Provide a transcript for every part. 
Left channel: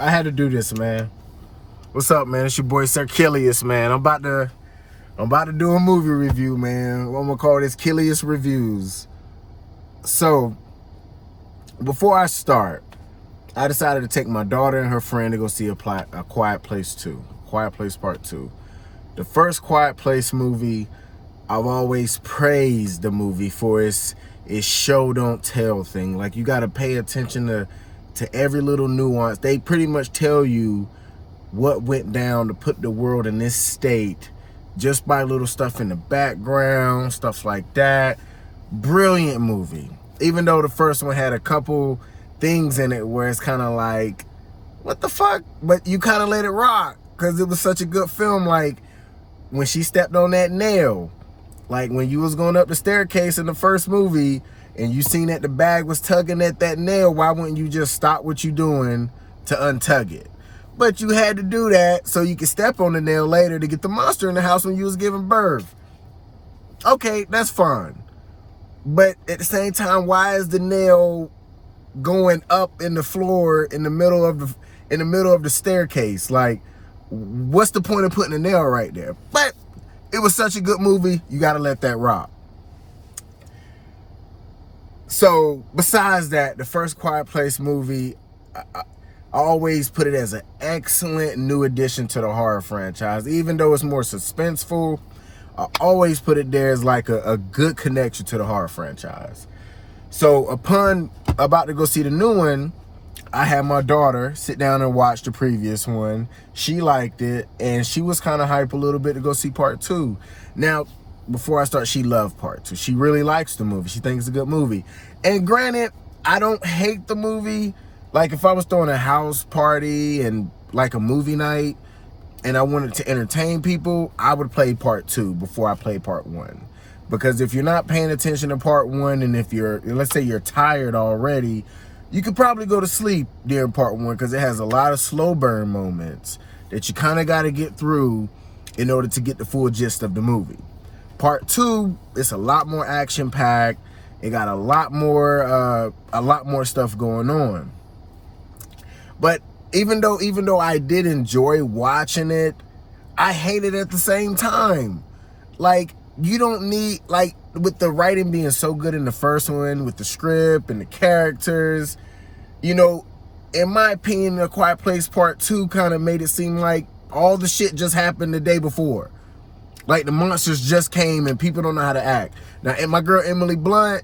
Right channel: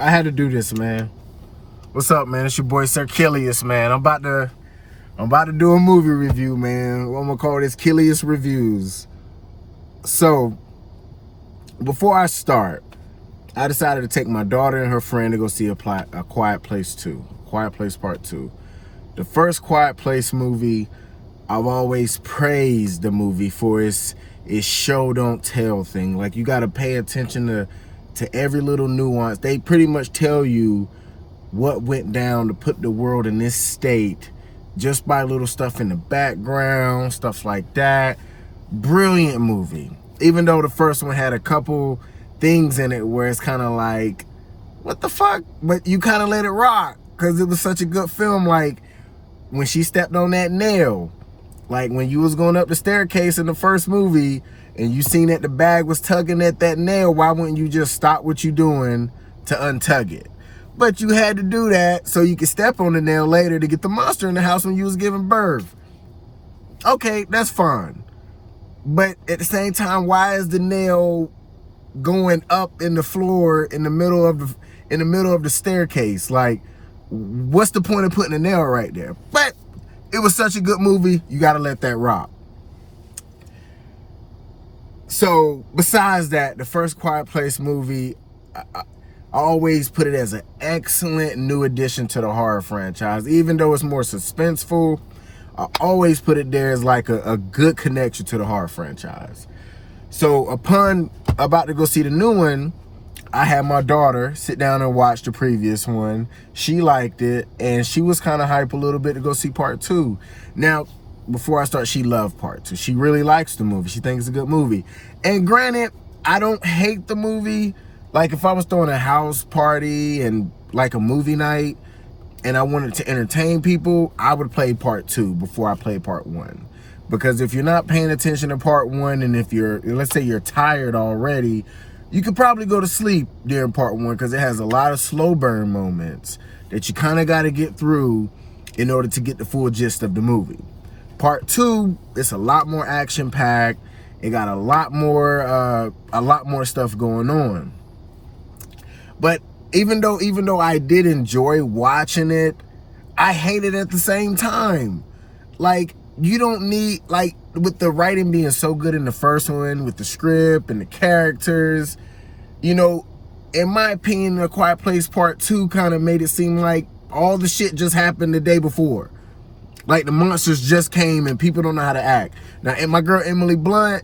I had to do this, man. What's up, man? It's your boy Sir Kilius, man. I'm about to do a movie review, man. I'm gonna call this Kilius Reviews. So, before I start, I decided to take my daughter and her friend to go see a Quiet Place 2. Quiet Place Part 2. The first Quiet Place movie, I've always praised the movie for its show don't tell thing. Like, you gotta pay attention to every little nuance. They pretty much tell you what went down to put the world in this state just by little stuff in the background, stuff like that. Brilliant movie. Even though the first one had a couple things in it where it's kind of like, what the fuck? But you kind of let it rock because it was such a good film. Like, when she stepped on that nail, like when you was going up the staircase in the first movie and you seen that the bag was tugging at that nail, why wouldn't you just stop what you doing to untug it? But you had to do that so you could step on the nail later to get the monster in the house when you was giving birth. Okay, that's fine. But at the same time, why is the nail going up in the floor in the middle of the staircase? Like, what's the point of putting a nail right there? But it was such a good movie, you gotta let that rock. So, besides that, the first Quiet Place movie, I always put it as an excellent new addition to the horror franchise. Even though it's more suspenseful, I always put it there as like a good connection to the horror franchise. So upon about to go see the new one, I had my daughter sit down and watch the previous one. She liked it, and she was kind of hype a little bit to go see part 2. Now, before I start, she loved part 2. She really likes the movie. She thinks it's a good movie. And granted, I don't hate the movie. Like, if I was throwing a house party and like a movie night and I wanted to entertain people, I would play part 2 before I play part 1. Because if you're not paying attention to part 1, and if let's say you're tired already, you could probably go to sleep during part 1 because it has a lot of slow burn moments that you kind of got to get through in order to get the full gist of the movie. Part 2, it's a lot more action packed. It got a lot more stuff going on. But even though I did enjoy watching it, I hate it at the same time. Like, you don't need, like, with the writing being so good in the first one, with the script and the characters, you know, in my opinion, The Quiet Place Part 2 kind of made it seem like all the shit just happened the day before. Like, the monsters just came and people don't know how to act. Now, and my girl Emily Blunt,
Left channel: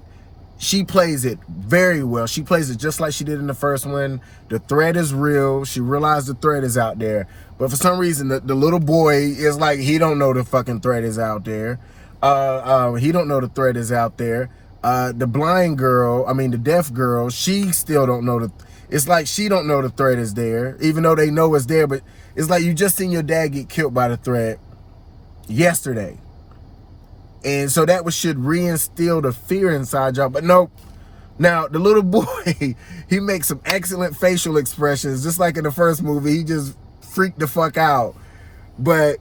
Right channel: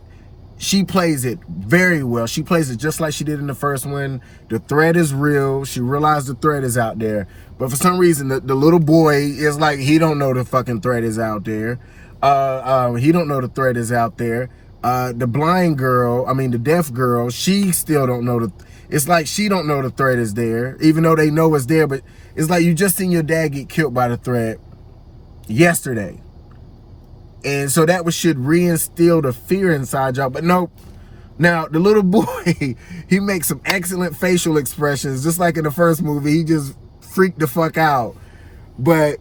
she plays it very well. She plays it just like she did in the first one. The threat is real. She realized the threat is out there. But for some reason, the little boy is like, he don't know the fucking threat is out there. He don't know the threat is out there. The blind girl, the deaf girl, she still don't know it's like she don't know the threat is there, even though they know it's there. But it's like you just seen your dad get killed by the threat yesterday. And so that should reinstill the fear inside y'all. But nope. Now, the little boy, he makes some excellent facial expressions. Just like in the first movie, he just freaked the fuck out. But,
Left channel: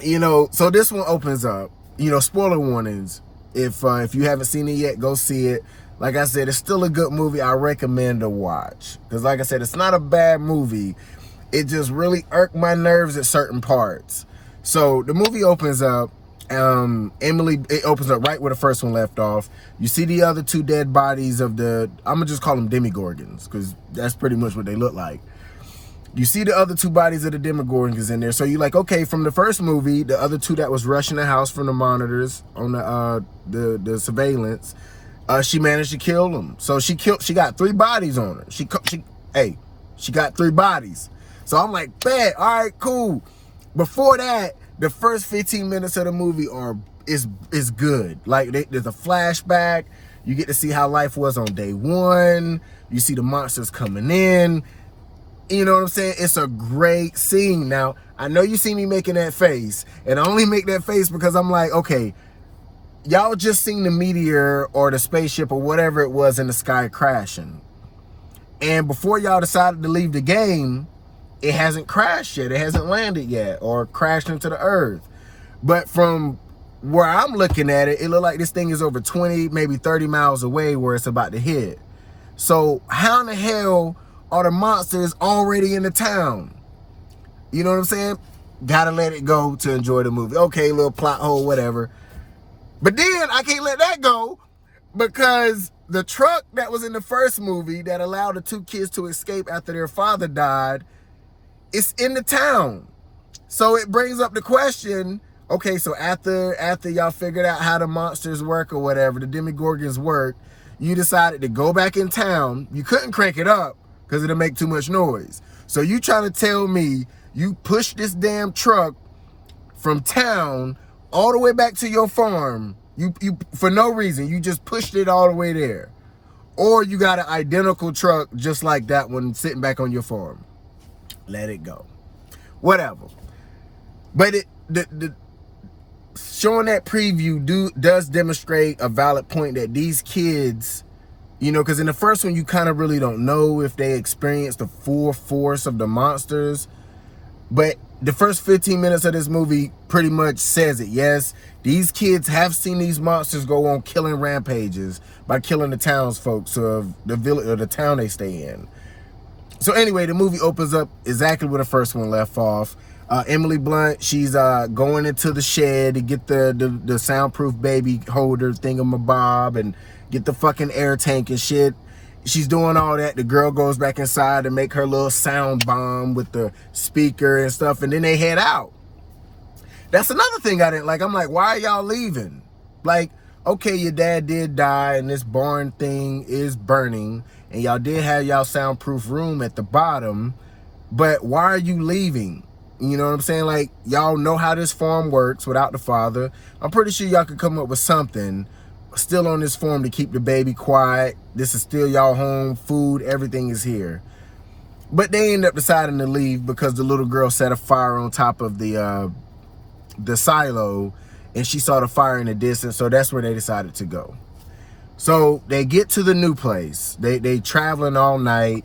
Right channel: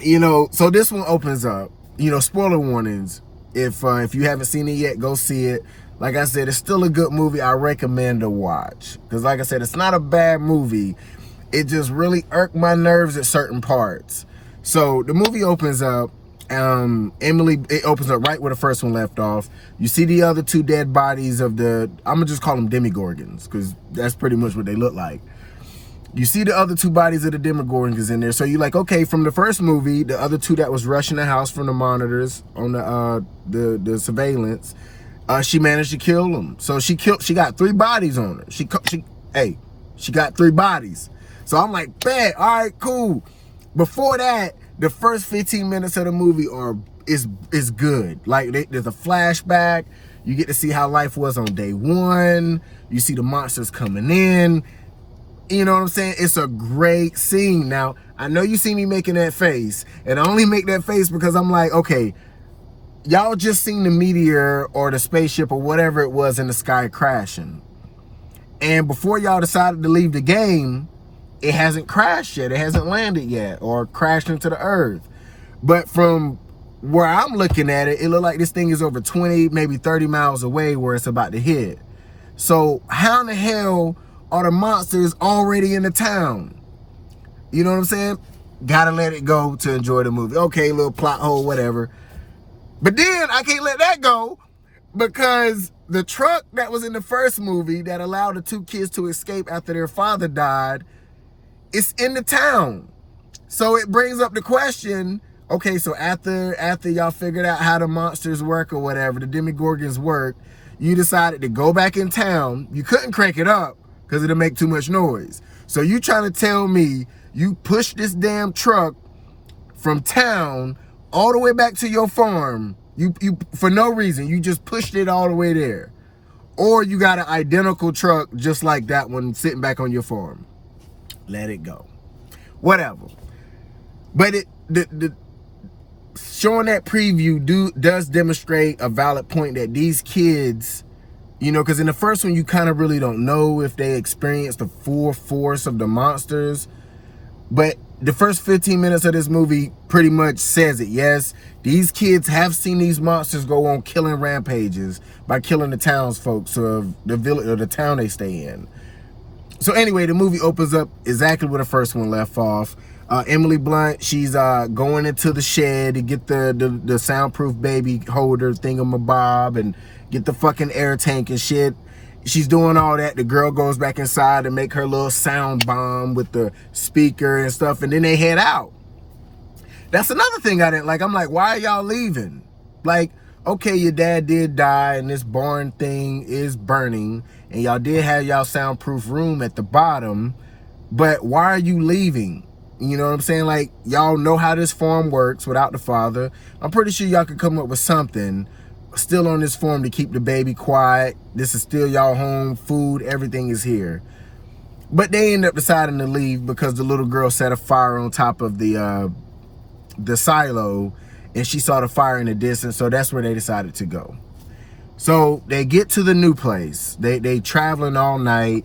you know, so this one opens up. You know, spoiler warnings. If you haven't seen it yet, go see it. Like I said, it's still a good movie. I recommend to watch. Because like I said, it's not a bad movie. It just really irked my nerves at certain parts. So the movie opens up. It opens up right where the first one left off. You see the other 2 dead bodies of I'm gonna just call them demigorgons, because that's pretty much what they look like. You see the other 2 bodies of the demigorgons in there. So you're like, okay, from the first movie, the other 2 that was rushing the house from the monitors on the surveillance, she managed to kill them. So she got 3 bodies on her. She got 3 bodies. So I'm like, bet, all right, cool. Before that, the first 15 minutes of the movie is good. Like, there's a flashback. You get to see how life was on day 1. You see the monsters coming in. You know what I'm saying? It's a great scene. Now, I know you see me making that face, and I only make that face because I'm like, okay, y'all just seen the meteor or the spaceship or whatever it was in the sky crashing. And before y'all decided to leave the game, it hasn't crashed yet. It hasn't landed yet or crashed into the earth. But from where I'm looking at it, it looked like this thing is over 20, maybe 30 miles away where it's about to hit. So how in the hell or the monster is already in the town. You know what I'm saying? Gotta let it go to enjoy the movie. Okay, little plot hole, whatever. But then I can't let that go because the truck that was in the first movie that allowed the two kids to escape after their father died is in the town. So it brings up the question, okay, so after y'all figured out how the monsters work or whatever, the Demogorgons work, you decided to go back in town. You couldn't crank it up because it'll make too much noise. So you trying to tell me you pushed this damn truck from town all the way back to your farm, you for no reason, you just pushed it all the way there. Or you got an identical truck just like that one sitting back on your farm. Let it go. Whatever. But the showing that preview does demonstrate a valid point that these kids, you know, because in the first one you kind of really don't know if they experienced the full force of the monsters. But the first 15 minutes of this movie pretty much says it. Yes, these kids have seen these monsters go on killing rampages by killing the townsfolk of the village or the town they stay in. So anyway, the movie opens up exactly where the first one left off. Emily Blunt, she's going into the shed to get the soundproof baby holder thingamabob and get the fucking air tank and shit. She's doing all that. The girl goes back inside to make her little sound bomb with the speaker and stuff, and then they head out. That's another thing I didn't like. I'm like, why are y'all leaving? Like, okay, your dad did die and this barn thing is burning, and y'all did have y'all soundproof room at the bottom, but why are you leaving? You know what I'm saying? Like, y'all know how this farm works without the father. I'm pretty sure y'all could come up with something still on this farm to keep the baby quiet. This is still y'all home, food, everything is here. But they end up deciding to leave because the little girl set a fire on top of the silo, and she saw the fire in the distance, so that's where they decided to go. So they get to the new place. They traveling all night.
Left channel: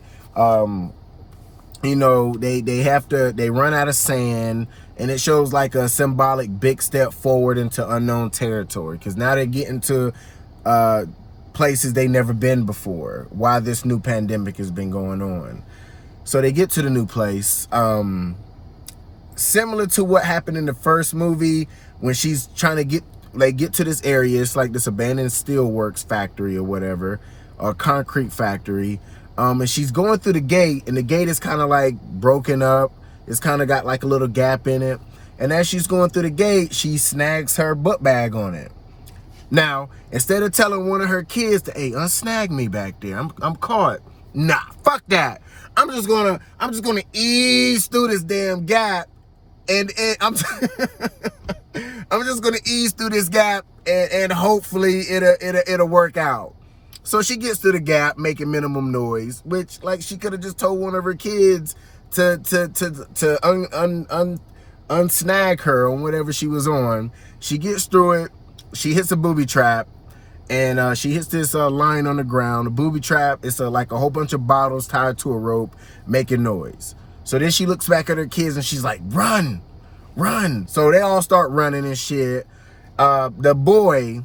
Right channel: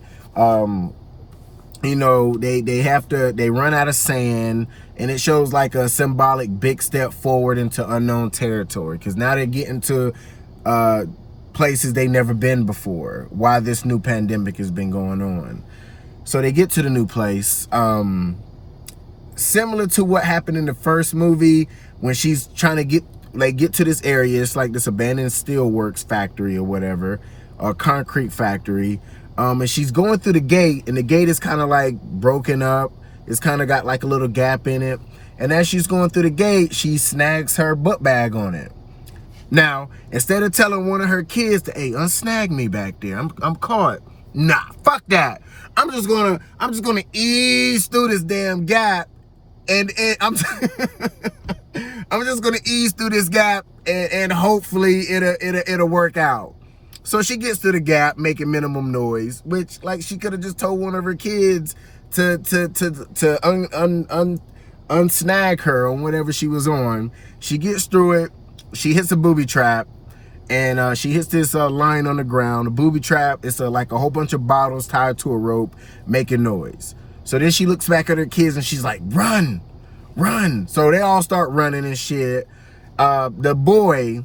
You know, they run out of sand, and it shows like a symbolic big step forward into unknown territory, because now they're getting to places they never been before while this new pandemic has been going on. So they get to the new place. Similar to what happened in the first movie when she's trying to get to this area. It's like this abandoned steelworks factory or whatever, a concrete factory. And she's going through the gate, and the gate is kind of like broken up. It's kind of got like a little gap in it. And as she's going through the gate, she snags her book bag on it. Now, instead of telling one of her kids to, hey, unsnag me back there, I'm caught. Nah, fuck that. I'm just gonna ease through this damn gap, and I'm just gonna ease through this gap, and hopefully it'll work out. So she gets through the gap, making minimum noise, which, like, she could have just told one of her kids to unsnag her on whatever she was on. She gets through it. She hits a booby trap, and she hits this line on the ground. The booby trap is like a whole bunch of bottles tied to a rope, making noise. So then she looks back at her kids, and she's like, run, run. So they all start running and shit. The boy,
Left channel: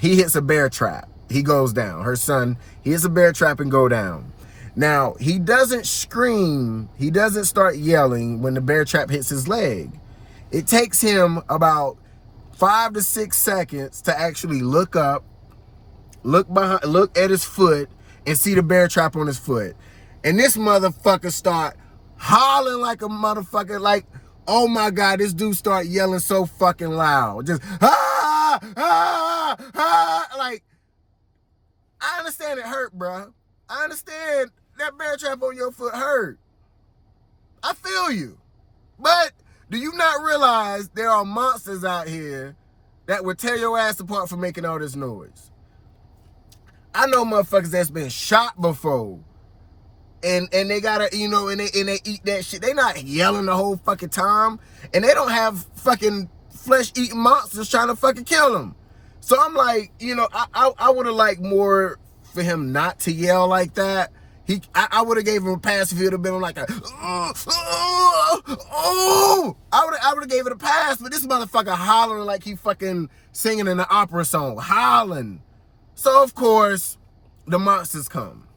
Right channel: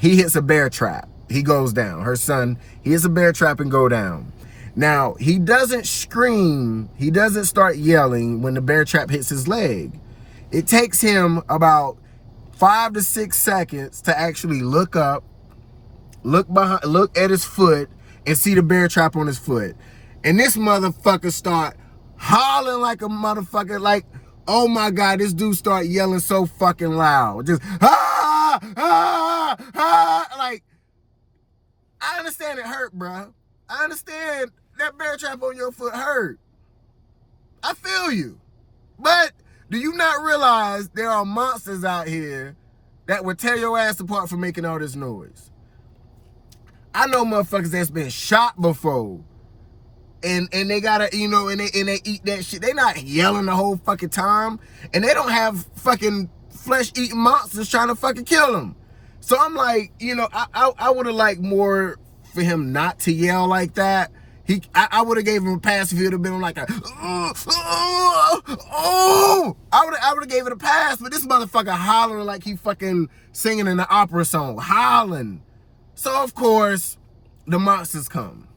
he hits a bear trap. He goes down. Her son, he hits a bear trap and go down. Now, he doesn't scream. He doesn't start yelling when the bear trap hits his leg. It takes him about 5 to 6 seconds to actually look up, look behind, look at his foot, and see the bear trap on his foot. And this motherfucker start hollering like a motherfucker, like, oh my God, this dude start yelling so fucking loud. Just, ah, ah, ah, like, I understand it hurt, bro. I understand that bear trap on your foot hurt. I feel you. But do you not realize there are monsters out here that would tear your ass apart for making all this noise? I know motherfuckers that's been shot before. And they gotta, you know, and they eat that shit. They not yelling the whole fucking time. And they don't have fucking flesh-eating monsters trying to fucking kill them. So I'm like, you know, I would have liked more for him not to yell like that. I would have gave him a pass if he would have been like a, I would have gave it a pass, but this motherfucker hollering like he fucking singing in an opera song, hollering. So of course, the monsters come.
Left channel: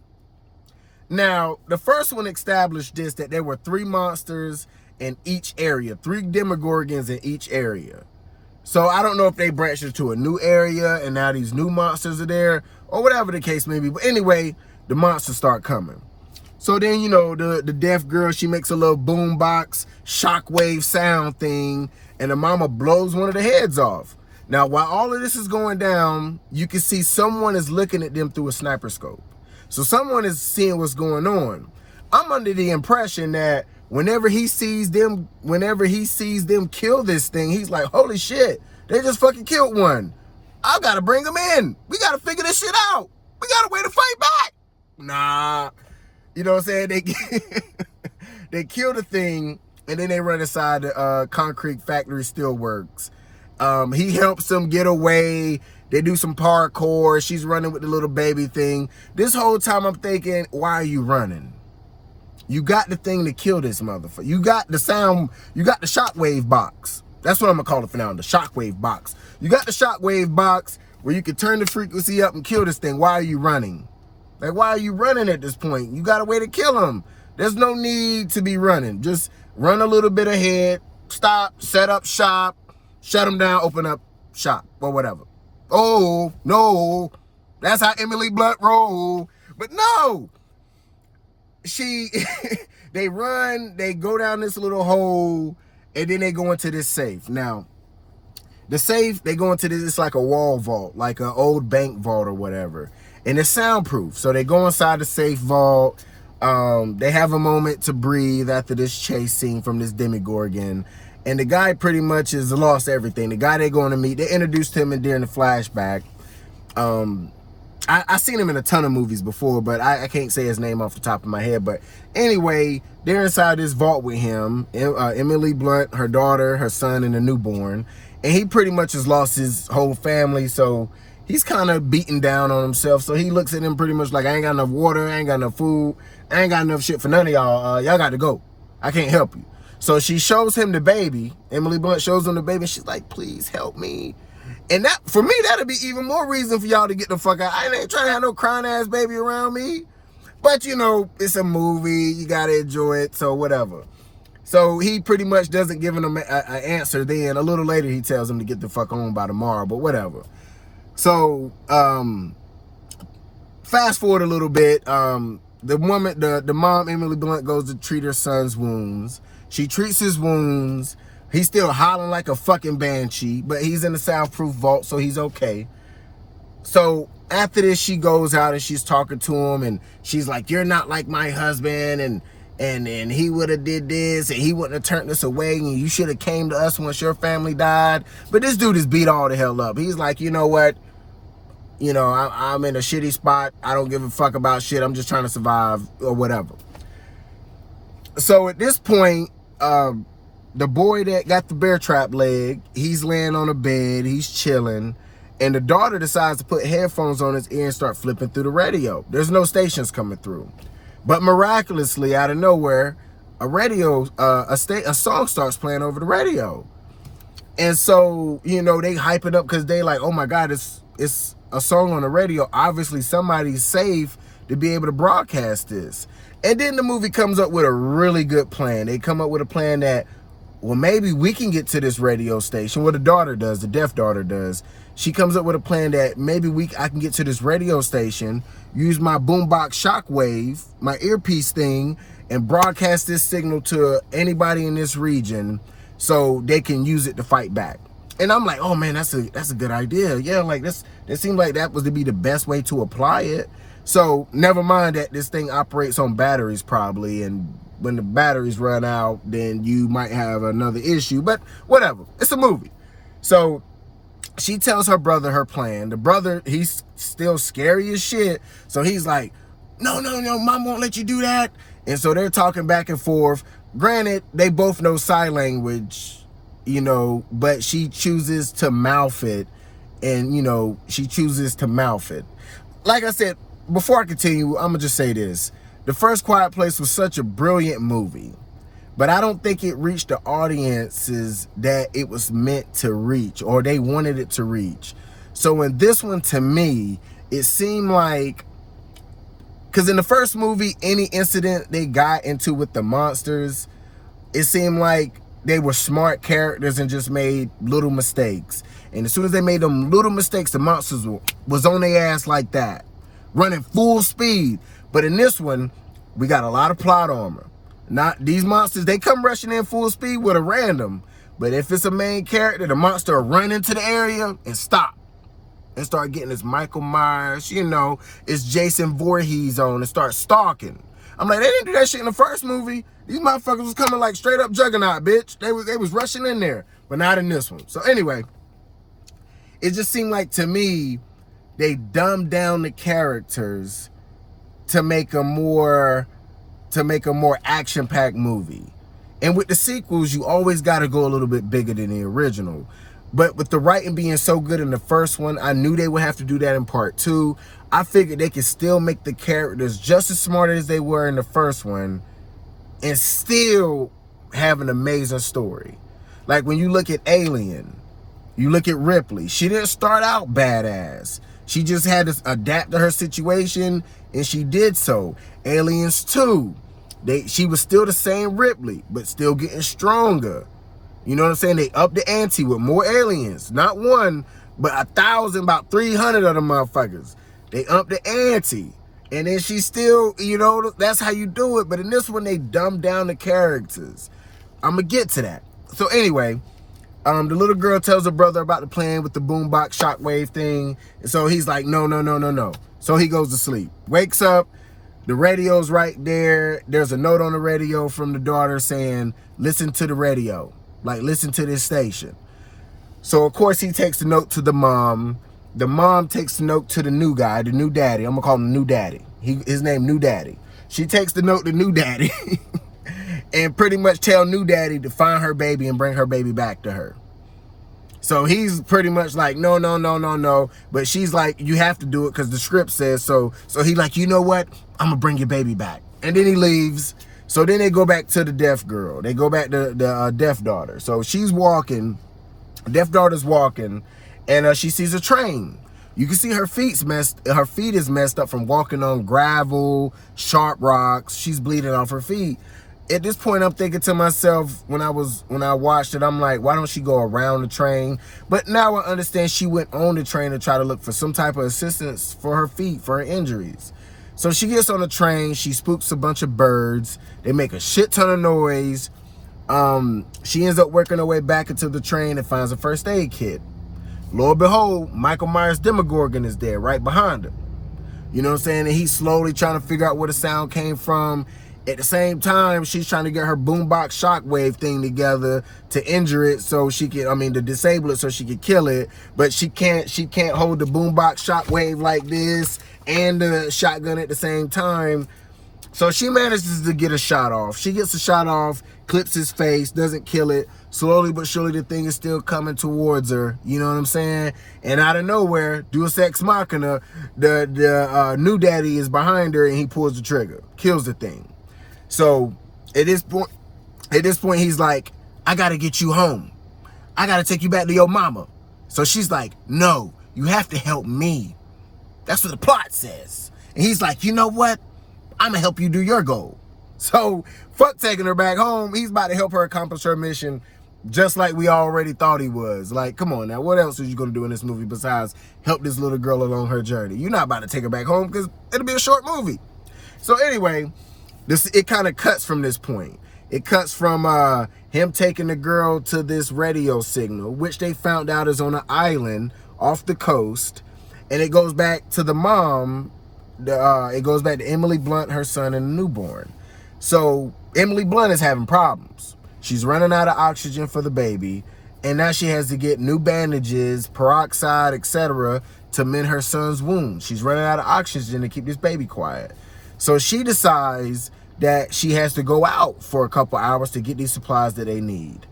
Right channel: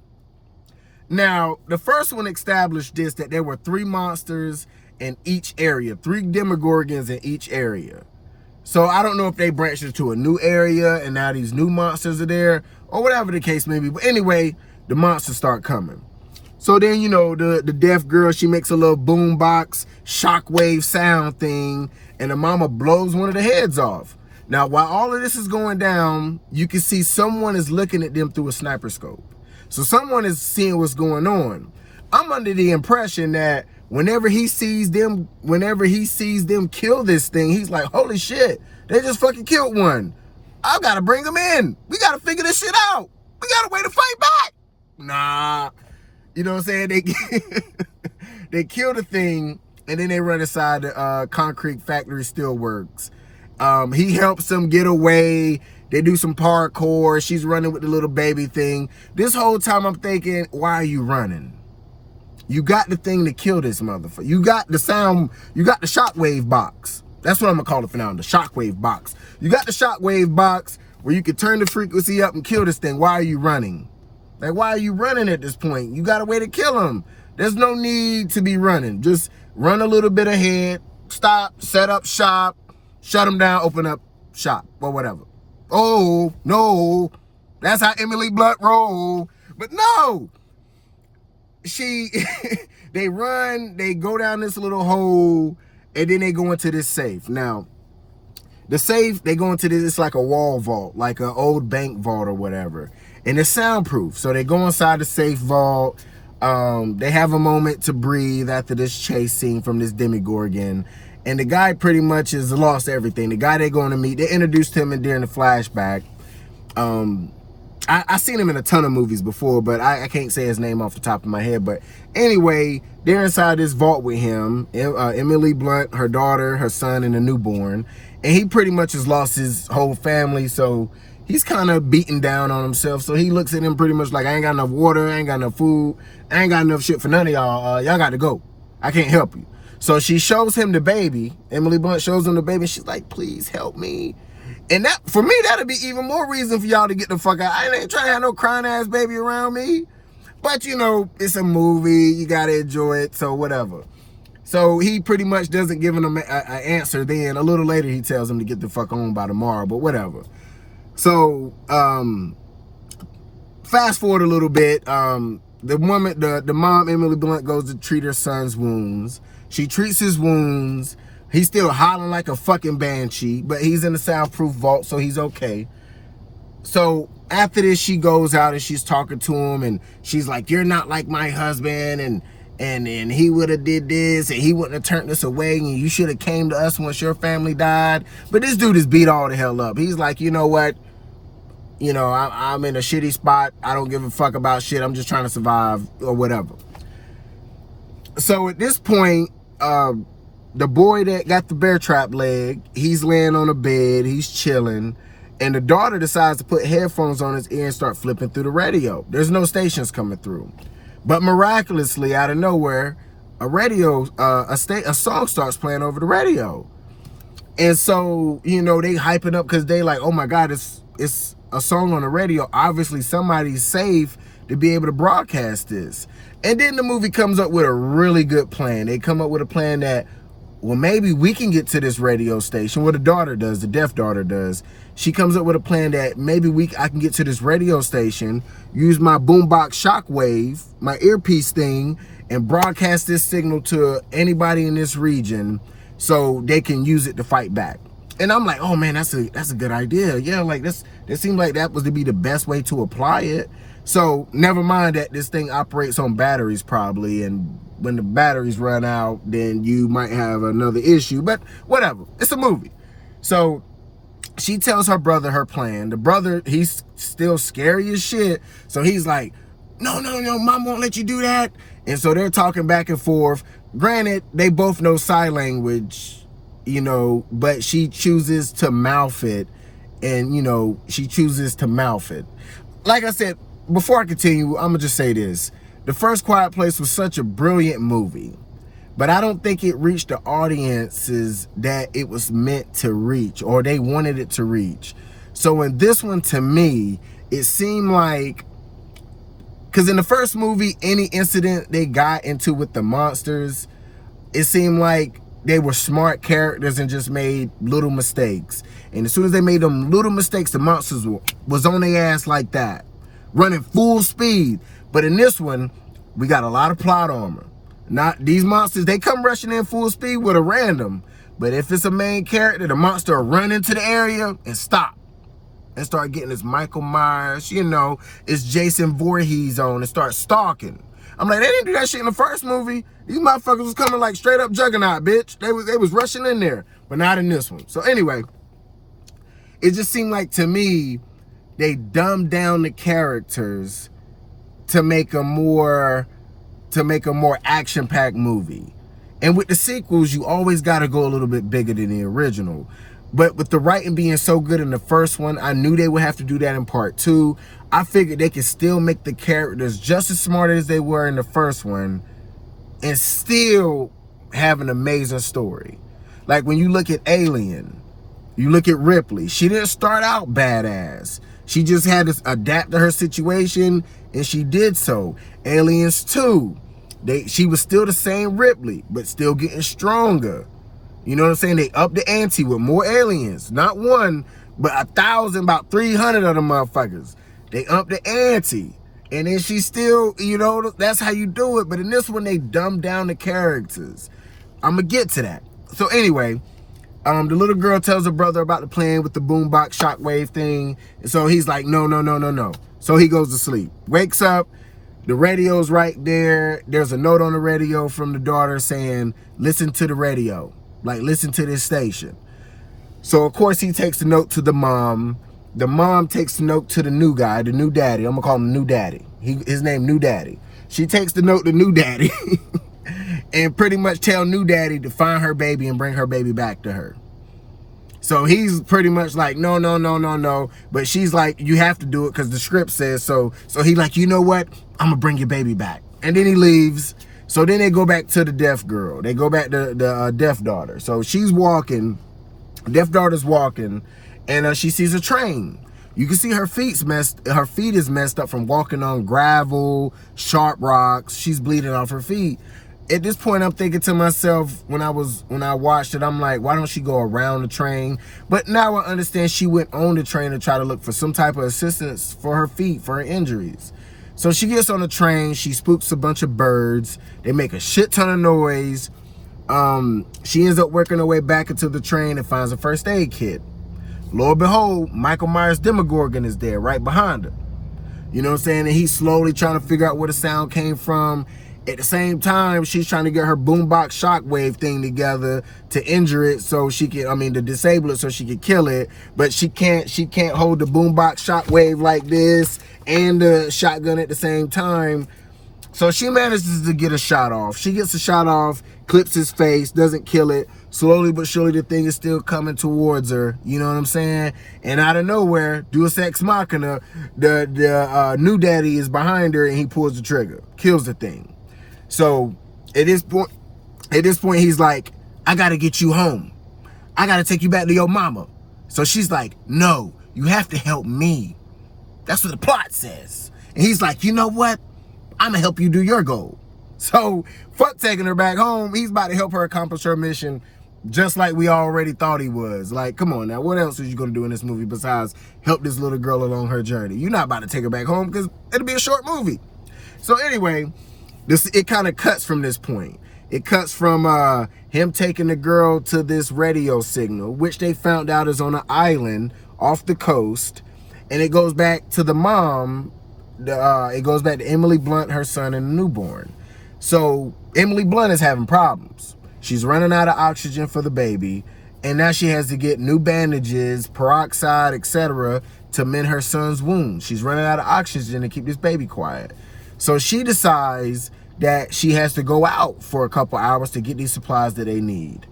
Now, the first one established this, that there were 3 monsters in each area, 3 Demogorgons in each area. So I don't know if they branched into a new area and now these new monsters are there, or whatever the case may be. But anyway, the monsters start coming. So then, you know, the deaf girl, she makes a little boombox shockwave sound thing, and the mama blows one of the heads off. Now, while all of this is going down, you can see someone is looking at them through a sniper scope. So someone is seeing what's going on. I'm under the impression that whenever he sees them kill this thing, he's like, holy shit, they just fucking killed one. I gotta bring them in. We gotta figure this shit out. We got a way to fight back. Nah. You know what I'm saying? They kill the thing, and then they run inside the concrete factory steelworks. He helps them get away. They do some parkour. She's running with the little baby thing. This whole time I'm thinking, why are you running? You got the thing to kill this motherfucker. You got the sound, you got the shockwave box. That's what I'm gonna call it for now, the shockwave box. You got the shockwave box where you can turn the frequency up and kill this thing. Why are you running? Like, why are you running at this point? You got a way to kill him. There's no need to be running. Just run a little bit ahead, stop, set up shop, shut him down, open up shop, or whatever. Oh, no, that's how Emily Blunt roll. But no, they run, they go down this little hole, and then they go into this safe. Now, the safe, they go into this, it's like a wall vault, like an old bank vault or whatever. And it's soundproof. So they go inside the safe vault. They have a moment to breathe after this chase scene from this Demogorgon. And the guy pretty much has lost everything. The guy they're going to meet, they introduced him during the flashback. I seen him in a ton of movies before, but I can't say his name off the top of my head. But anyway, they're inside this vault with him. Emily Blunt, her daughter, her son, and a newborn. And he pretty much has lost his whole family, so he's kind of beaten down on himself. So he looks at him pretty much like, I ain't got enough water, I ain't got enough food, I ain't got enough shit for none of y'all. Y'all got to go. I can't help you. So she shows him the baby. Emily Blunt shows him the baby, and she's like, please help me. And that, for me, that'd be even more reason for y'all to get the fuck out. I ain't trying to have no crying ass baby around me. But, you know, it's a movie. You got to enjoy it, so whatever. So he pretty much doesn't give him an answer then. A little later, he tells him to get the fuck on by tomorrow, but whatever. So, fast forward a little bit. The woman, the mom, Emily Blunt, goes to treat her son's wounds. She treats his wounds. He's still hollering like a fucking banshee, but he's in the soundproof vault, so he's okay. So after this, she goes out and she's talking to him, and she's like, you're not like my husband, and he would have did this, and he wouldn't have turned this away, and you should have came to us once your family died. But this dude is beat all the hell up. He's like, you know what? You know, I'm in a shitty spot. I don't give a fuck about shit. I'm just trying to survive or whatever. So at this point, the boy that got the bear trap leg, he's laying on a bed, he's chilling, and the daughter decides to put headphones on his ear and start flipping through the radio. There's no stations coming through. But miraculously, out of nowhere, a song starts playing over the radio. And so, you know, they hype it up because they like, oh my God, it's a song on the radio. Obviously, somebody's safe to be able to broadcast this. And then the movie comes up with a really good plan. They come up with a plan that, well, maybe we can get to this radio station. What the daughter does, the deaf daughter does. She comes up with a plan that maybe I can get to this radio station, use my boombox shockwave, my earpiece thing, and broadcast this signal to anybody in this region so they can use it to fight back. And I'm like, oh man, that's a good idea. Yeah, like it seemed like that was to be the best way to apply it. So never mind that this thing operates on batteries probably, and when the batteries run out, then you might have another issue, but whatever, it's a movie. So she tells her brother her plan. The brother, he's still scary as shit. So he's like, no, mom won't let you do that. And so they're talking back and forth. Granted, they both know sign language, you know, but she chooses to mouth it. And, you know, she chooses to mouth it. Like I said, before I continue, I'm going to just say this. The first Quiet Place was such a brilliant movie, but I don't think it reached the audiences that it was meant to reach or they wanted it to reach. So in this one, to me, it seemed like Because in the first movie, any incident they got into with the monsters, it seemed like they were smart characters and just made little mistakes. And as soon as they made them little mistakes, the monsters was on their ass like that, running full speed. But in this one, we got a lot of plot armor. Not these monsters, they come rushing in full speed with a random. But if it's a main character, the monster will run into the area and stop. And start getting this Michael Myers, you know, it's Jason Voorhees on and start stalking. I'm like, they didn't do that shit in the first movie. These motherfuckers was coming like straight up Juggernaut, bitch. They was rushing in there, but not in this one. So anyway, it just seemed like to me, they dumbed down the characters to make a more action-packed movie. And with the sequels, you always got to go a little bit bigger than the original. But with the writing being so good in the first one, I knew they would have to do that in part 2. I figured they could still make the characters just as smart as they were in the first one and still have an amazing story. Like when you look at Alien, you look at Ripley, she didn't start out badass. She just had to adapt to her situation, and she did so. Aliens 2, she was still the same Ripley, but still getting stronger. You know what I'm saying? They upped the ante with more aliens. Not one, but 1,000, about 300 of them motherfuckers. They upped the ante. And then she still, you know, that's how you do it. But in this one, they dumbed down the characters. I'm going to get to that. So anyway, the little girl tells her brother about the plan with the boombox shockwave thing. And so he's like, no. So he goes to sleep. Wakes up. The radio's right there. There's a note on the radio from the daughter saying, listen to the radio. Like, listen to this station. So, of course, he takes the note to the mom. The mom takes the note to the new guy, the new daddy. I'm going to call him New Daddy. His name, New Daddy. She takes the note to New Daddy and pretty much tell New Daddy to find her baby and bring her baby back to her. So he's pretty much like, no. But she's like, you have to do it because the script says so. So he's like, you know what? I'm going to bring your baby back. And then he leaves. So then they go back to the deaf girl. They go back to the deaf daughter. So she's walking, deaf daughter's walking, and she sees a train. You can see her feet is messed up from walking on gravel, sharp rocks. She's bleeding off her feet. At this point, I'm thinking to myself, when I watched it, I'm like, why don't she go around the train? But now I understand she went on the train to try to look for some type of assistance for her feet, for her injuries. So she gets on the train, she spooks a bunch of birds, they make a shit ton of noise. She ends up working her way back into the train and finds a first aid kit. Lo and behold, Michael Myers Demogorgon is there right behind her. You know what I'm saying? And he's slowly trying to figure out where the sound came from. At the same time, she's trying to get her boombox shockwave thing together to injure it so she can, to disable it so she can kill it. But she can't hold the boombox shockwave like this and the shotgun at the same time. So she manages to get a shot off. She gets a shot off, clips his face, doesn't kill it. Slowly but surely, the thing is still coming towards her. You know what I'm saying? And out of nowhere, Deus Ex Machina, the new daddy is behind her and he pulls the trigger, kills the thing. So at this point, he's like, I gotta get you home. I gotta take you back to your mama. So she's like, no, you have to help me. That's what the plot says. And he's like, you know what? I'm gonna help you do your goal. So fuck taking her back home. He's about to help her accomplish her mission just like we already thought he was. Like, come on now, what else are you gonna do in this movie besides help this little girl along her journey? You're not about to take her back home because it'll be a short movie. So anyway, it kind of cuts from this point. It cuts from him taking the girl to this radio signal, which they found out is on an island off the coast. And it goes back to the mom. It goes back to Emily Blunt, her son, and the newborn. So Emily Blunt is having problems. She's running out of oxygen for the baby. And now she has to get new bandages, peroxide, etc. to mend her son's wounds. She's running out of oxygen to keep this baby quiet. So she decides that she has to go out for a couple hours to get these supplies that they need.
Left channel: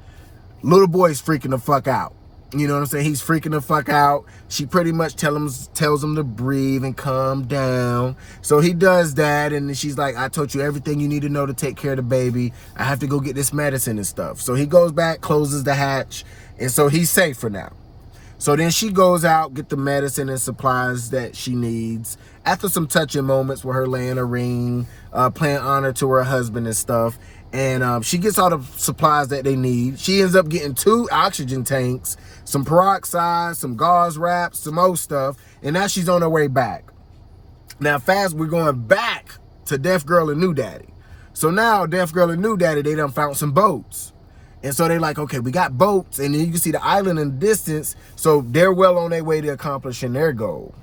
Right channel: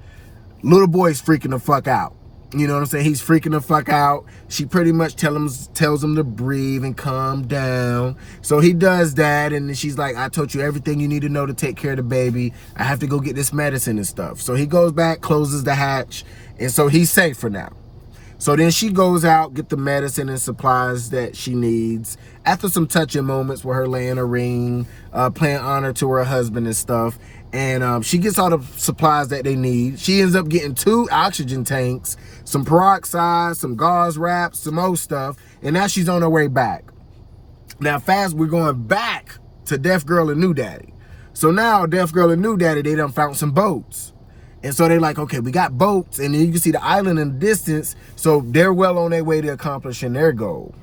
Little boy's freaking the fuck out. You know what I'm saying? He's freaking the fuck out. She pretty much tells him to breathe and calm down. So he does that, and then she's like, I told you everything you need to know to take care of the baby. I have to go get this medicine and stuff. So he goes back, closes the hatch, and so he's safe for now. So then she goes out, get the medicine and supplies that she needs. After some touching moments with her laying a ring, paying honor to her husband and stuff. And she gets all the supplies that they need. She ends up getting 2 oxygen tanks, some peroxide, some gauze wraps, some more stuff. And now she's on her way back. Now we're going back to Deaf Girl and New Daddy. So now Deaf Girl and New Daddy, they done found some boats. And so they're like, okay, we got boats, and then you can see the island in the distance, so they're well on their way to accomplishing their goal.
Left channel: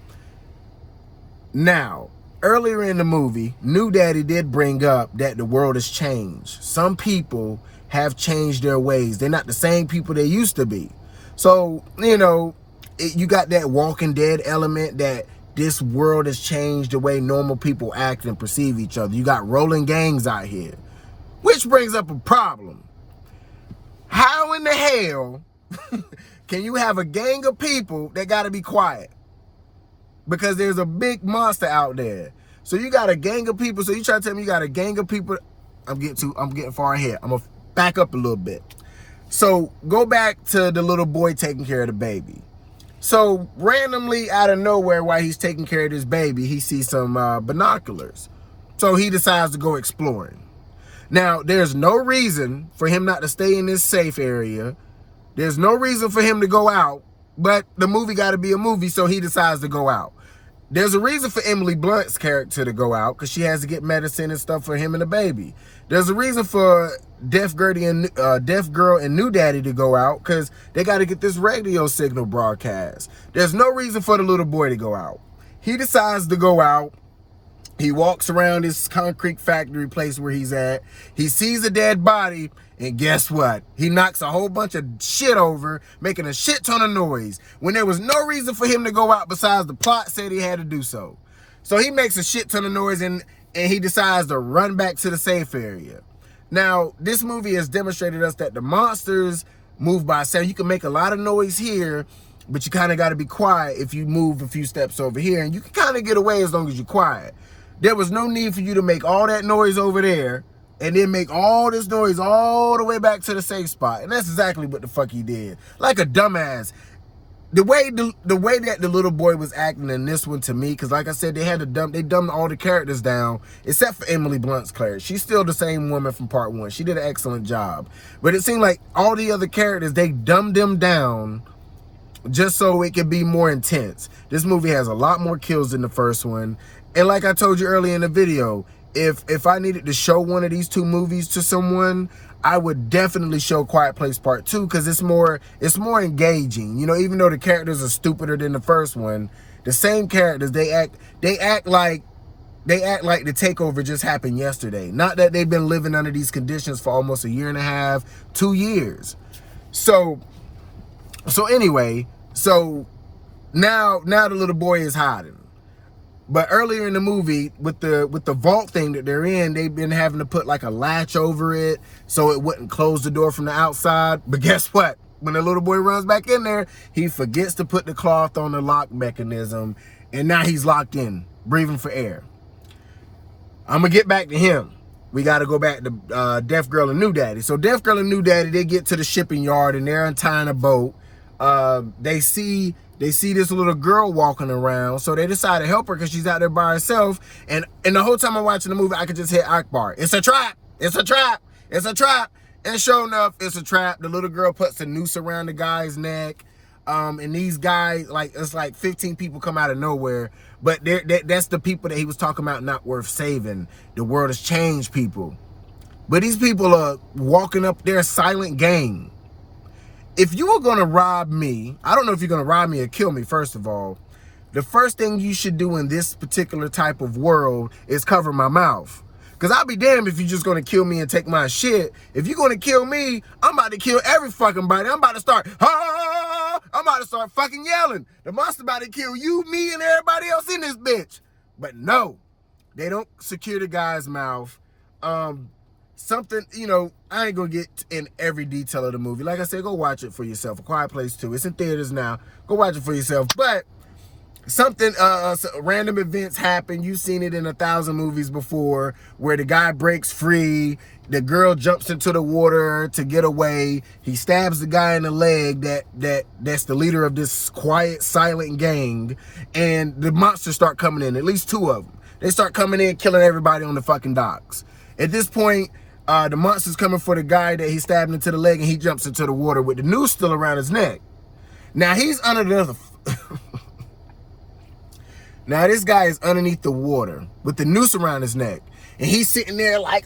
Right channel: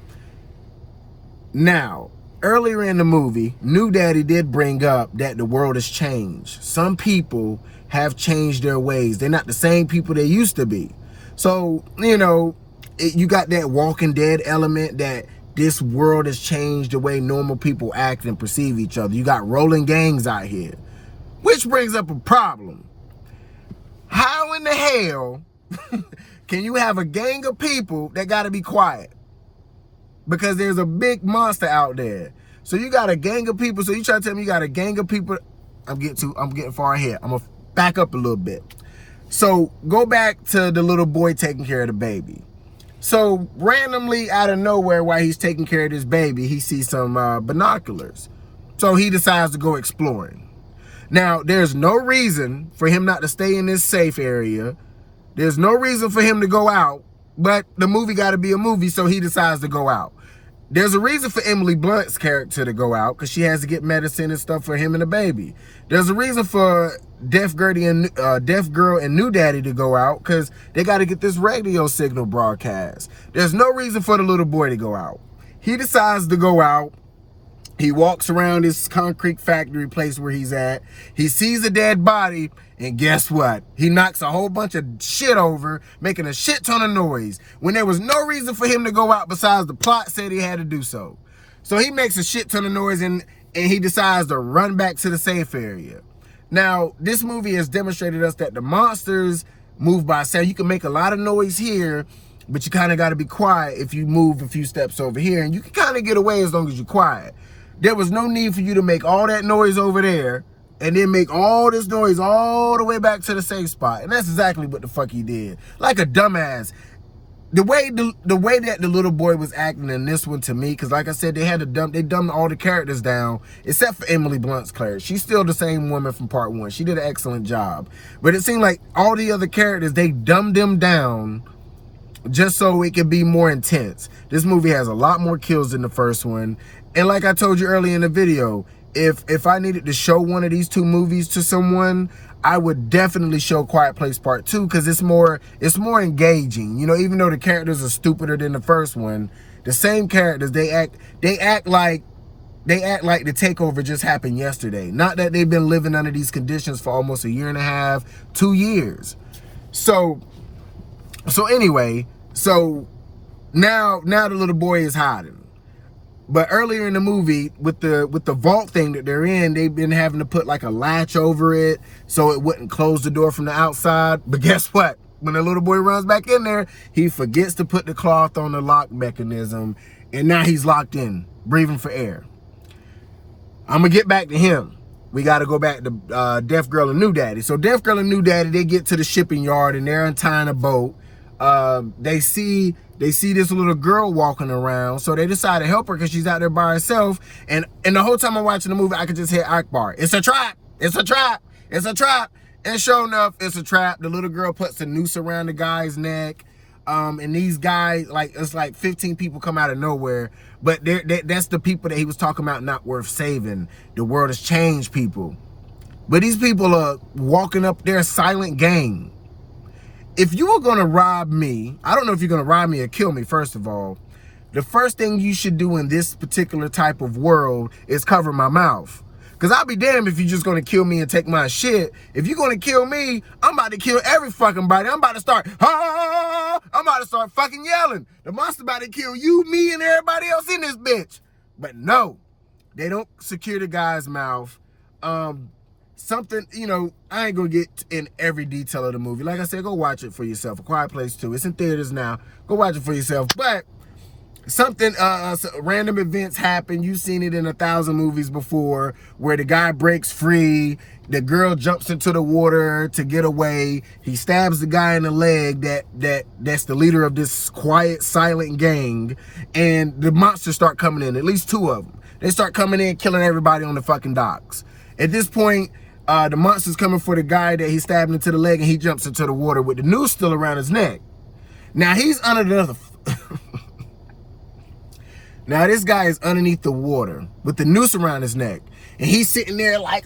Now, earlier in the movie, New Daddy did bring up that the world has changed. Some people have changed their ways. They're not the same people they used to be. So, you know, you got that Walking Dead element that this world has changed the way normal people act and perceive each other. You got rolling gangs out here, which brings up a problem. How in the hell can you have a gang of people that got to be quiet? Because there's a big monster out there. So you got a gang of people. So you try to tell me you got a gang of people. I'm getting far ahead. I'm going to back up a little bit. So go back to the little boy taking care of the baby. So randomly out of nowhere, while he's taking care of this baby, he sees some binoculars. So he decides to go exploring. Now, there's no reason for him not to stay in this safe area. There's no reason for him to go out, but the movie got to be a movie, so he decides to go out. There's a reason for Emily Blunt's character to go out, because she has to get medicine and stuff for him and the baby. There's a reason for Deaf Girl and New Daddy to go out, because they got to get this radio signal broadcast. There's no reason for the little boy to go out. He decides to go out. He walks around this concrete factory place where he's at. He sees a dead body, and guess what? He knocks a whole bunch of shit over, making a shit ton of noise, when there was no reason for him to go out besides the plot said he had to do so. So he makes a shit ton of noise, and he decides to run back to the safe area. Now, this movie has demonstrated us that the monsters move by sound. You can make a lot of noise here, but you kind of got to be quiet if you move a few steps over here, and you can kind of get away as long as you're quiet. There was no need for you to make all that noise over there and then make all this noise all the way back to the safe spot. And that's exactly what the fuck he did. Like a dumbass. The way that the little boy was acting in this one, to me, because like I said, they dumbed all the characters down except for Emily Blunt's Claire. She's still the same woman from part 1. She did an excellent job. But it seemed like all the other characters, they dumbed them down just so it could be more intense. This movie has a lot more kills than the first one. And like I told you earlier in the video, if I needed to show one of these 2 movies to someone, I would definitely show Quiet Place Part 2, because it's more engaging. You know, even though the characters are stupider than the first one, the same characters, they act like the takeover just happened yesterday. Not that they've been living under these conditions for almost a year and a half, 2 years. So anyway, now the little boy is hiding. But earlier in the movie, with the vault thing that they're in, they've been having to put like a latch over it so it wouldn't close the door from the outside. But guess what? When the little boy runs back in there, he forgets to put the cloth on the lock mechanism, and now he's locked in, breathing for air. I'm going to get back to him. We got to go back to Deaf Girl and New Daddy. So Deaf Girl and New Daddy, they get to the shipping yard, and they're untying a boat. They see this little girl walking around, so they decide to help her because she's out there by herself. And the whole time I'm watching the movie, I could just hear Akbar. It's a trap! It's a trap! It's a trap! And sure enough, it's a trap. The little girl puts a noose around the guy's neck. And these guys, it's like 15 people come out of nowhere. But that's the people that he was talking about not worth saving. The world has changed people. But these people are walking up their silent gang. If you are going to rob me, I don't know if you're going to rob me or kill me, first of all. The first thing you should do in this particular type of world is cover my mouth. Because I'll be damned if you're just going to kill me and take my shit. If you're going to kill me, I'm about to kill every fucking body. I'm about to start, I'm about to start fucking yelling. The monster about to kill you, me, and everybody else in this bitch. But no, they don't secure the guy's mouth. Something, I ain't gonna get in every detail of the movie. Like I said, go watch it for yourself. A Quiet Place 2. It's in theaters now. Go watch it for yourself. But something, random events happen. You've seen it in 1,000 movies before, where the guy breaks free, The girl jumps into the water to get away. He stabs the guy in the leg that's the leader of this quiet, silent gang. And the monsters start coming in, at least 2 of them. They start coming in, killing everybody on the fucking docks. At this point, the monster's coming for the guy that he stabbed into the leg, and he jumps into the water with the noose still around his neck. Now he's under the... Now this guy is underneath the water with the noose around his neck. And he's sitting there like,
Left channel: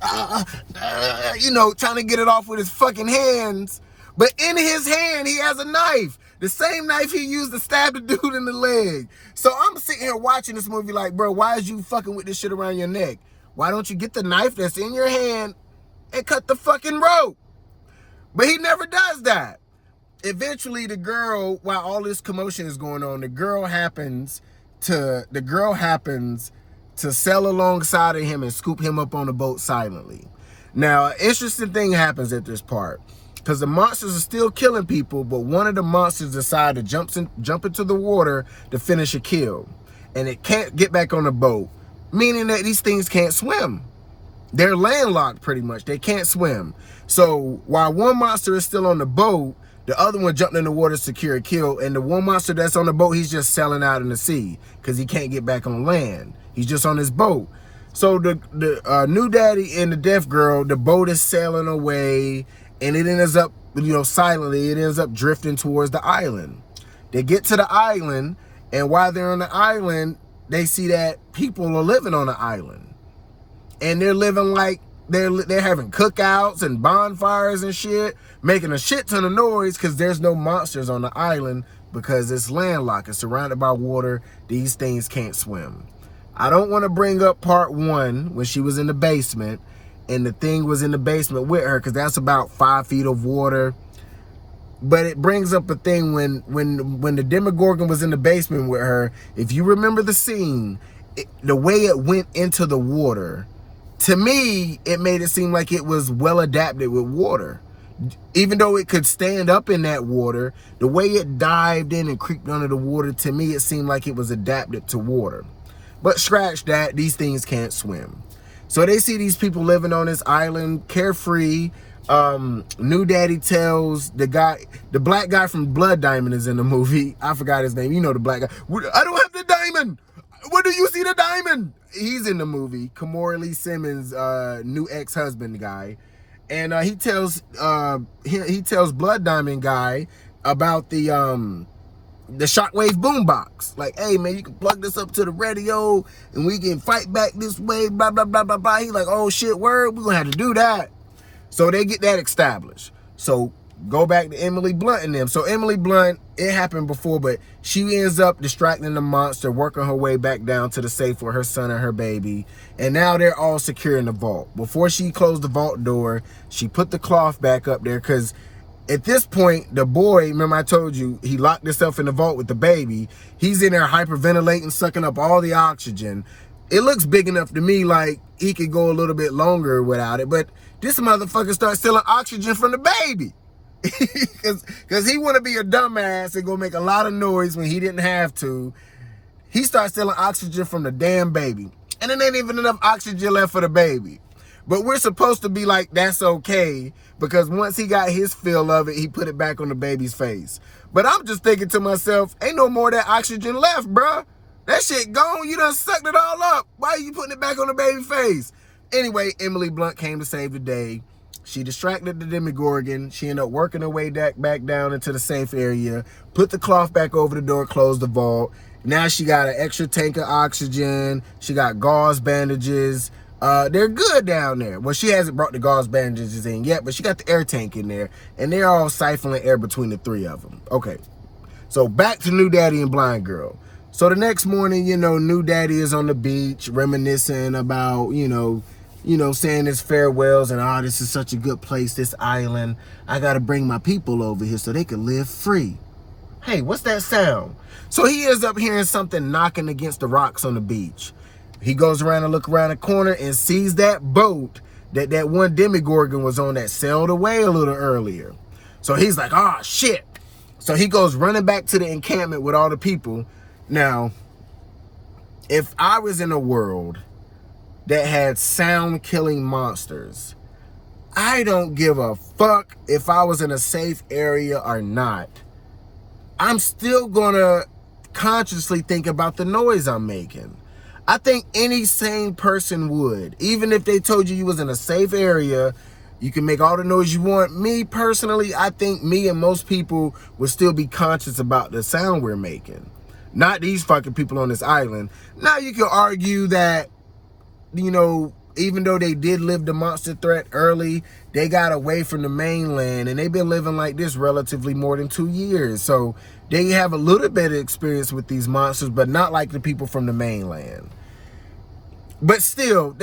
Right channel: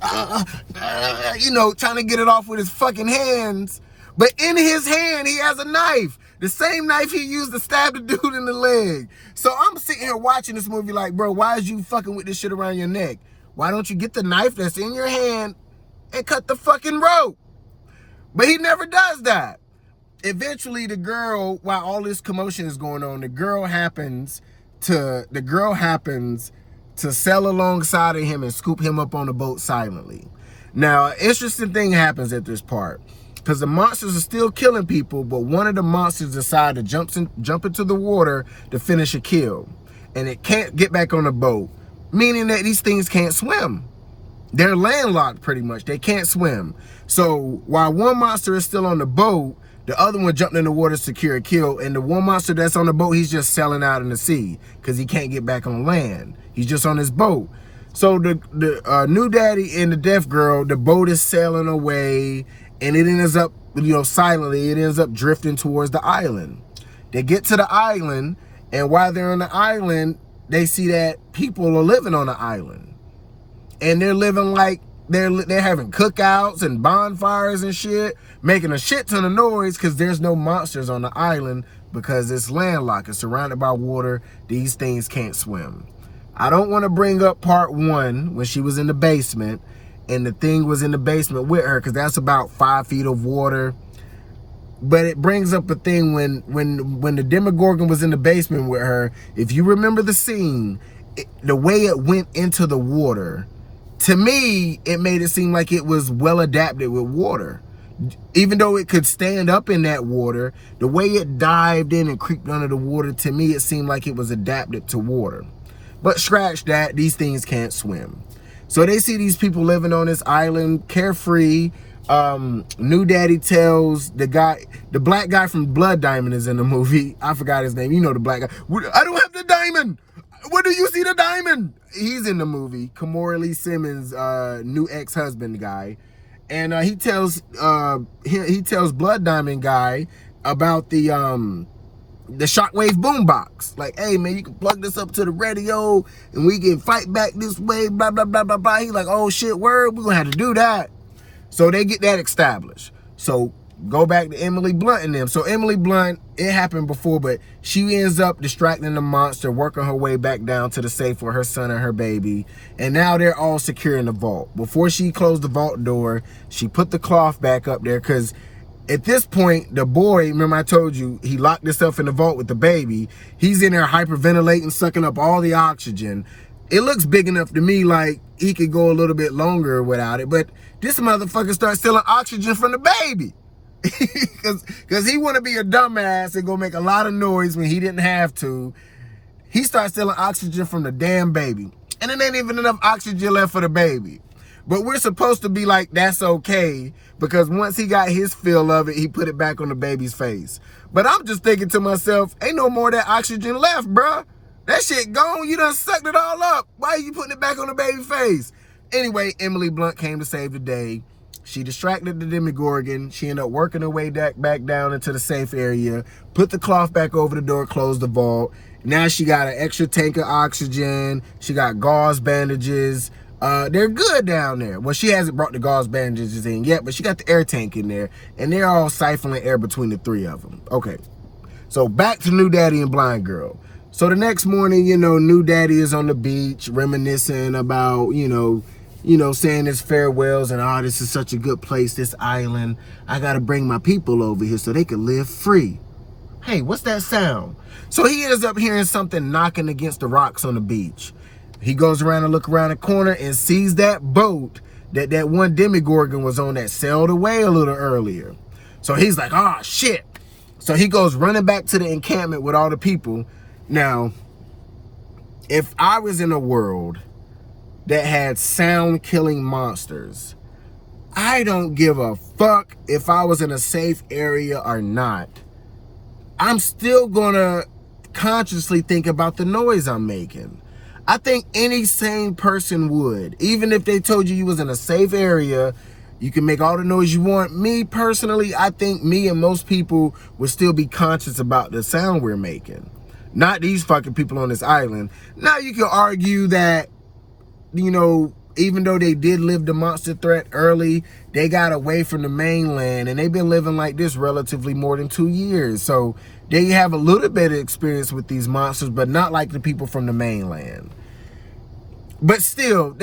you know, trying to get it off with his fucking hands. But in his hand, he has a knife. The same knife he used to stab the dude in the leg. So I'm sitting here watching this movie like, bro, why is you fucking with this shit around your neck? Why don't you get the knife that's in your hand and cut the fucking rope? But he never does that. Eventually, the girl, while all this commotion is going on, the girl happens to sail alongside of him and scoop him up on the boat silently. Now, an interesting thing happens at this part, because the monsters are still killing people, but one of the monsters decided to jump into the water to finish a kill. And it can't get back on the boat, meaning that these things can't swim. They're landlocked pretty much. They can't swim. So while one monster is still on the boat, the other one jumped in the water to secure a kill. And the one monster that's on the boat, he's just sailing out in the sea because he can't get back on land. He's just on his boat. So the new daddy and the deaf girl, the boat is sailing away, and it ends up, you know, silently, it ends up drifting towards the island. They get to the island, and while they're on the island, they see that people are living on the island. And they're living like they're having cookouts and bonfires and shit, making a shit ton of noise because there's no monsters on the island because it's landlocked. It's surrounded by water. These things can't swim. I don't want to bring up part 1 when she was in the basement and the thing was in the basement with her, because that's about 5 feet of water. But it brings up a thing when the Demogorgon was in the basement with her. If you remember the scene, the way it went into the water, to me, it made it seem like it was well adapted with water. Even though it could stand up in that water, the way it dived in and creeped under the water, to me, it seemed like it was adapted to water. But scratch that, these things can't swim. So they see these people living on this island, carefree. New daddy tells the black guy from Blood Diamond is in the movie. I forgot his name. You know the black guy. I don't have the diamond. Where do you see the diamond? He's in the movie. Kamora Lee Simmons' new ex-husband guy. And he tells Blood Diamond guy about the shockwave boombox. Like, hey man, you can plug this up to the radio and we can fight back this way, blah, blah, blah, blah, blah. He's like, oh shit, word, we're gonna have to do that. So they get that established. So go back to Emily Blunt and them. So Emily Blunt, it happened before, but she ends up distracting the monster, working her way back down to the safe with her son and her baby. And now they're all secure in the vault. Before she closed the vault door, she put the cloth back up there because at this point, the boy, remember I told you, he locked himself in the vault with the baby. He's in there hyperventilating, sucking up all the oxygen. It looks big enough to me like he could go a little bit longer without it. But this motherfucker starts stealing oxygen from the baby. Because he want to be a dumbass and go make a lot of noise when he didn't have to. He starts stealing oxygen from the damn baby. And it ain't even enough oxygen left for the baby. But we're supposed to be like, that's okay, because once he got his fill of it, he put it back on the baby's face. But I'm just thinking to myself, ain't no more of that oxygen left, bruh. That shit gone. You done sucked it all up. Why are you putting it back on the baby's face? Anyway, Emily Blunt came to save the day. She distracted the Demogorgon. She ended up working her way back down into the safe area, put the cloth back over the door, closed the vault. Now she got an extra tank of oxygen. She got gauze bandages. They're good down there. Well, she hasn't brought the gauze bandages in yet, but she got the air tank in there, and they're all siphoning air between the 3 of them. Okay, so back to New Daddy and Blind Girl. So the next morning, you know, New Daddy is on the beach reminiscing about, you know, saying his farewells and, oh, this is such a good place, this island. I got to bring my people over here so they can live free. Hey, what's that sound? So he ends up hearing something knocking against the rocks on the beach. He goes around and look around the corner and sees that boat that one Demogorgon was on that sailed away a little earlier. So he's like, oh, shit. So he goes running back to the encampment with all the people. Now, if I was in a world that had sound-killing monsters, I don't give a fuck if I was in a safe area or not. I'm still gonna consciously think about the noise I'm making. I think any sane person would. Even if they told you was in a safe area, you can make all the noise you want. Me personally, I think me and most people would still be conscious about the sound we're making. Not these fucking people on this island. Now you can argue that, you know, even though they did live the monster threat early, they got away from the mainland and they've been living like this relatively more than 2 years. So they have a little bit of experience with these monsters, but not like the people from the mainland. But still,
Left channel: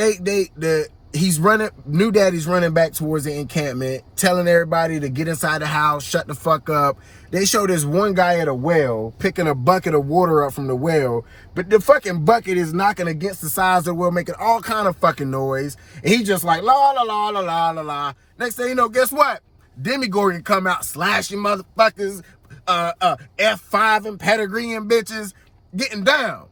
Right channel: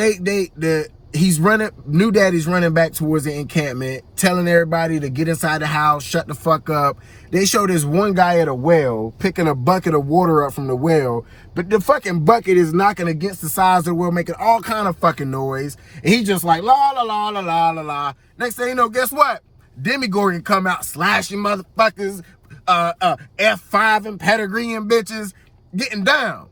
he's running, New Daddy's running back towards the encampment, telling everybody to get inside the house, shut the fuck up. They show this one guy at a well, picking a bucket of water up from the well, but the fucking bucket is knocking against the sides of the well, making all kind of fucking noise. And he just like, la, la, la, la, la, la, la. Next thing you know, guess what? Demigorgon come out slashing motherfuckers, F5 and pedigree and bitches, getting down.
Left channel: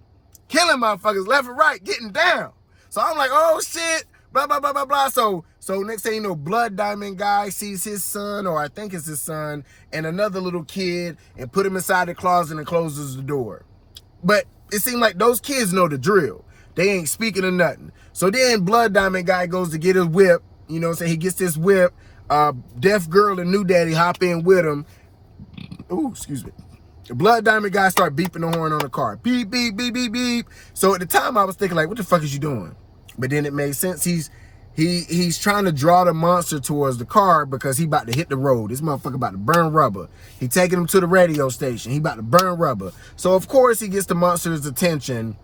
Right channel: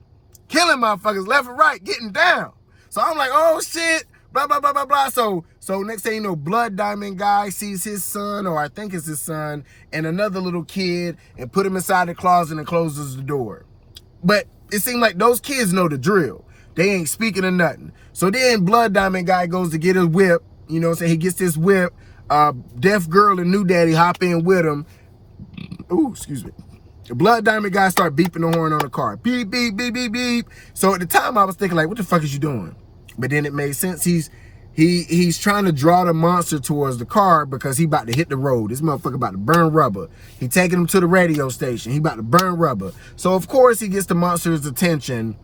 Killing motherfuckers left and right, getting down. So I'm like, oh shit, blah, blah, blah, blah, blah. So next thing you know, Blood Diamond guy sees his son, or I think it's his son, and another little kid, and put him inside the closet and closes the door. But it seemed like those kids know the drill. They ain't speaking or nothing. So then Blood Diamond guy goes to get his whip, you know what I'm saying? He gets this whip, Deaf Girl and New Daddy hop in with him. Ooh, excuse me. The Blood Diamond guy start beeping the horn on the car. Beep, beep, beep, beep, beep. So at the time I was thinking like, what the fuck is you doing? But then it made sense. He's trying to draw the monster towards the car because he about to hit the road. This motherfucker about to burn rubber. He taking him to the radio station. He about to burn rubber. So of course he gets the monster's attention,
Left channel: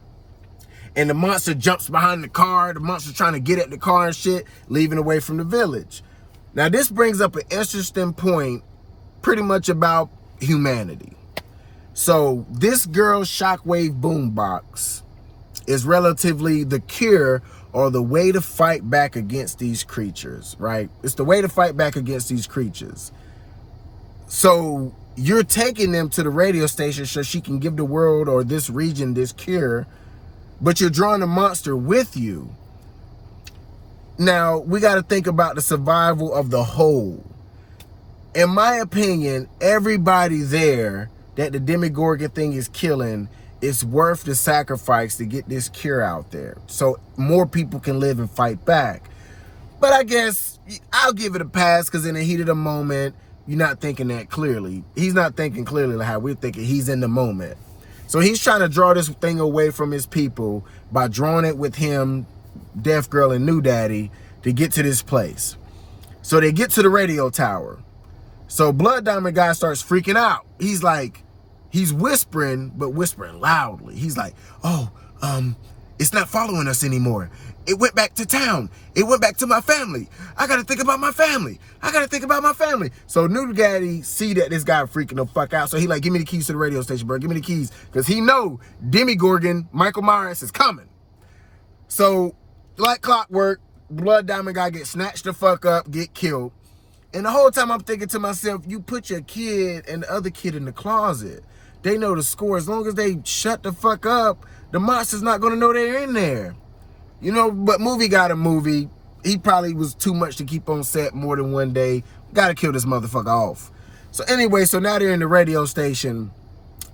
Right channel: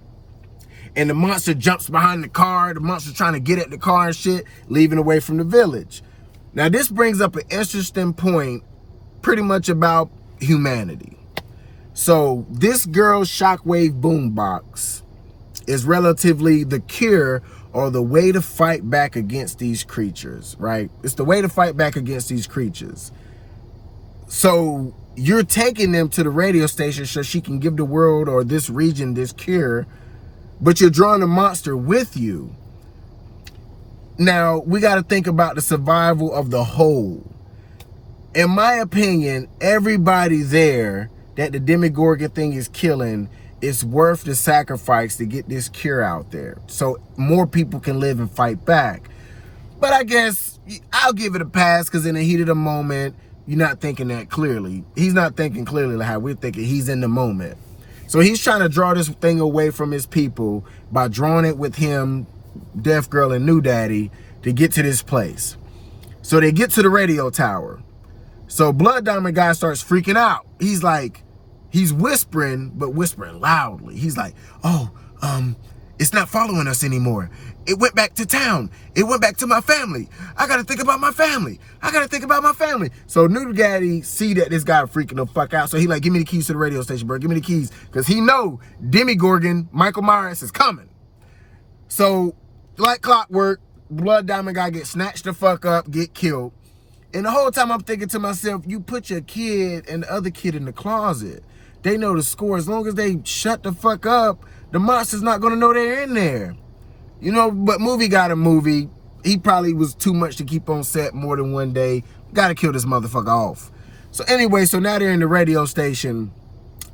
and the monster jumps behind the car. The monster's trying to get at the car and shit, leaving away from the village. Now this brings up an interesting point pretty much about humanity. So this girl's shockwave boombox is relatively the cure or the way to fight back against these creatures, right? It's the way to fight back against these creatures. So you're taking them to the radio station so she can give the world or this region this cure, but you're drawing the monster with you. Now, we got to think about the survival of the whole. In my opinion, everybody there that the Demigorgon thing is killing, it's worth the sacrifice to get this cure out there so more people can live and fight back. But I guess I'll give it a pass because in the heat of the moment, you're not thinking that clearly. He's not thinking clearly like how we're thinking. He's in the moment. So he's trying to draw this thing away from his people by drawing it with him, Deaf Girl, and New Daddy to get to this place. So they get to the radio tower. So Blood Diamond guy starts freaking out. He's like, he's whispering, but whispering loudly. He's like, oh, it's not following us anymore. It went back to town. It went back to my family. I gotta think about my family. I gotta think about my family. So New Daddy see that this guy freaking the fuck out. So he like, give me the keys to the radio station, bro. Give me the keys. Because he know Demigorgon, Michael Myers, is coming. So like clockwork, Blood Diamond guy gets snatched the fuck up, get killed. And the whole time I'm thinking to myself, you put your kid and the other kid in the closet. They know the score. As long as they shut the fuck up, the monster's not going to know they're in there. You know, but movie got a movie. He probably was too much to keep on set more than one day. Got to kill this motherfucker off. So anyway, so now they're in the radio station,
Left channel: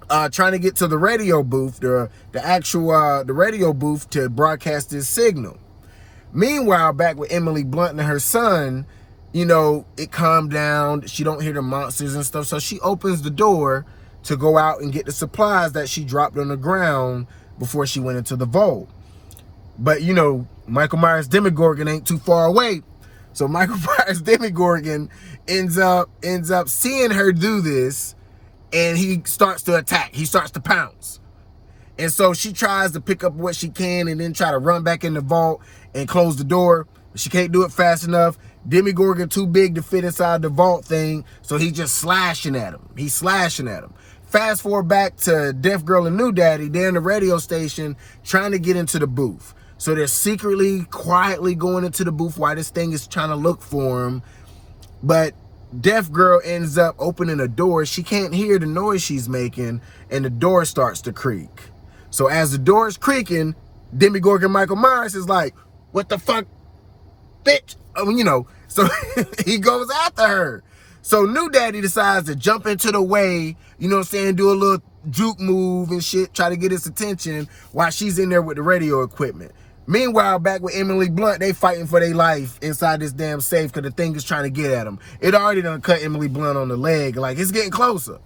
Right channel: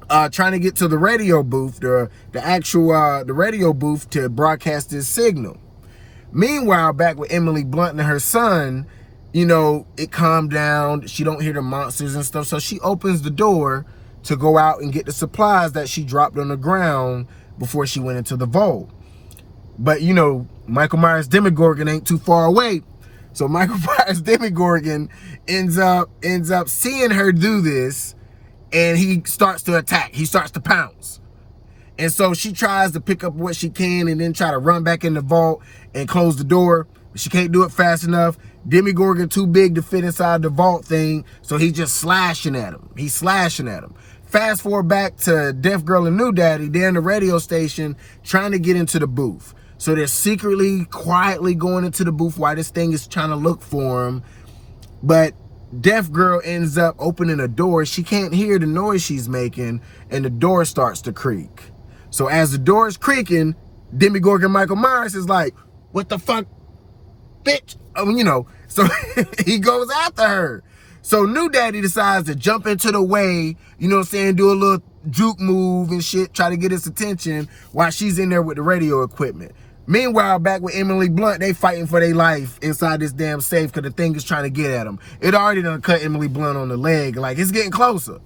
trying to get to the radio booth, the radio booth to broadcast this signal. Meanwhile, back with Emily Blunt and her son, you know, it calmed down. She don't hear the monsters and stuff. So she opens the door to go out and get the supplies that she dropped on the ground before she went into the vault. But, you know, Michael Myers' Demigorgon ain't too far away. So Michael Myers' Demigorgon ends up seeing her do this, and he starts to attack. He starts to pounce. And so she tries to pick up what she can and then try to run back in the vault and close the door. But she can't do it fast enough. Demigorgon too big to fit inside the vault thing, so he's just slashing at him. He's slashing at him. Fast forward back to Deaf Girl and New Daddy. They're in the radio station trying to get into the booth. So they're secretly, quietly going into the booth while this thing is trying to look for him. But Deaf Girl ends up opening a door. She can't hear the noise she's making, and the door starts to creak. So as the door is creaking, Demigorgon Michael Myers is like, what the fuck? bitch. You know, so he goes after her. So new daddy decides to jump into the way, you know what I'm saying, do a little juke move and shit, try to get his attention while she's in there with the radio equipment. Meanwhile, back with Emily Blunt, they fighting for their life inside this damn safe because the thing is trying to get at them. It already done cut Emily Blunt on the leg. Like, it's getting closer.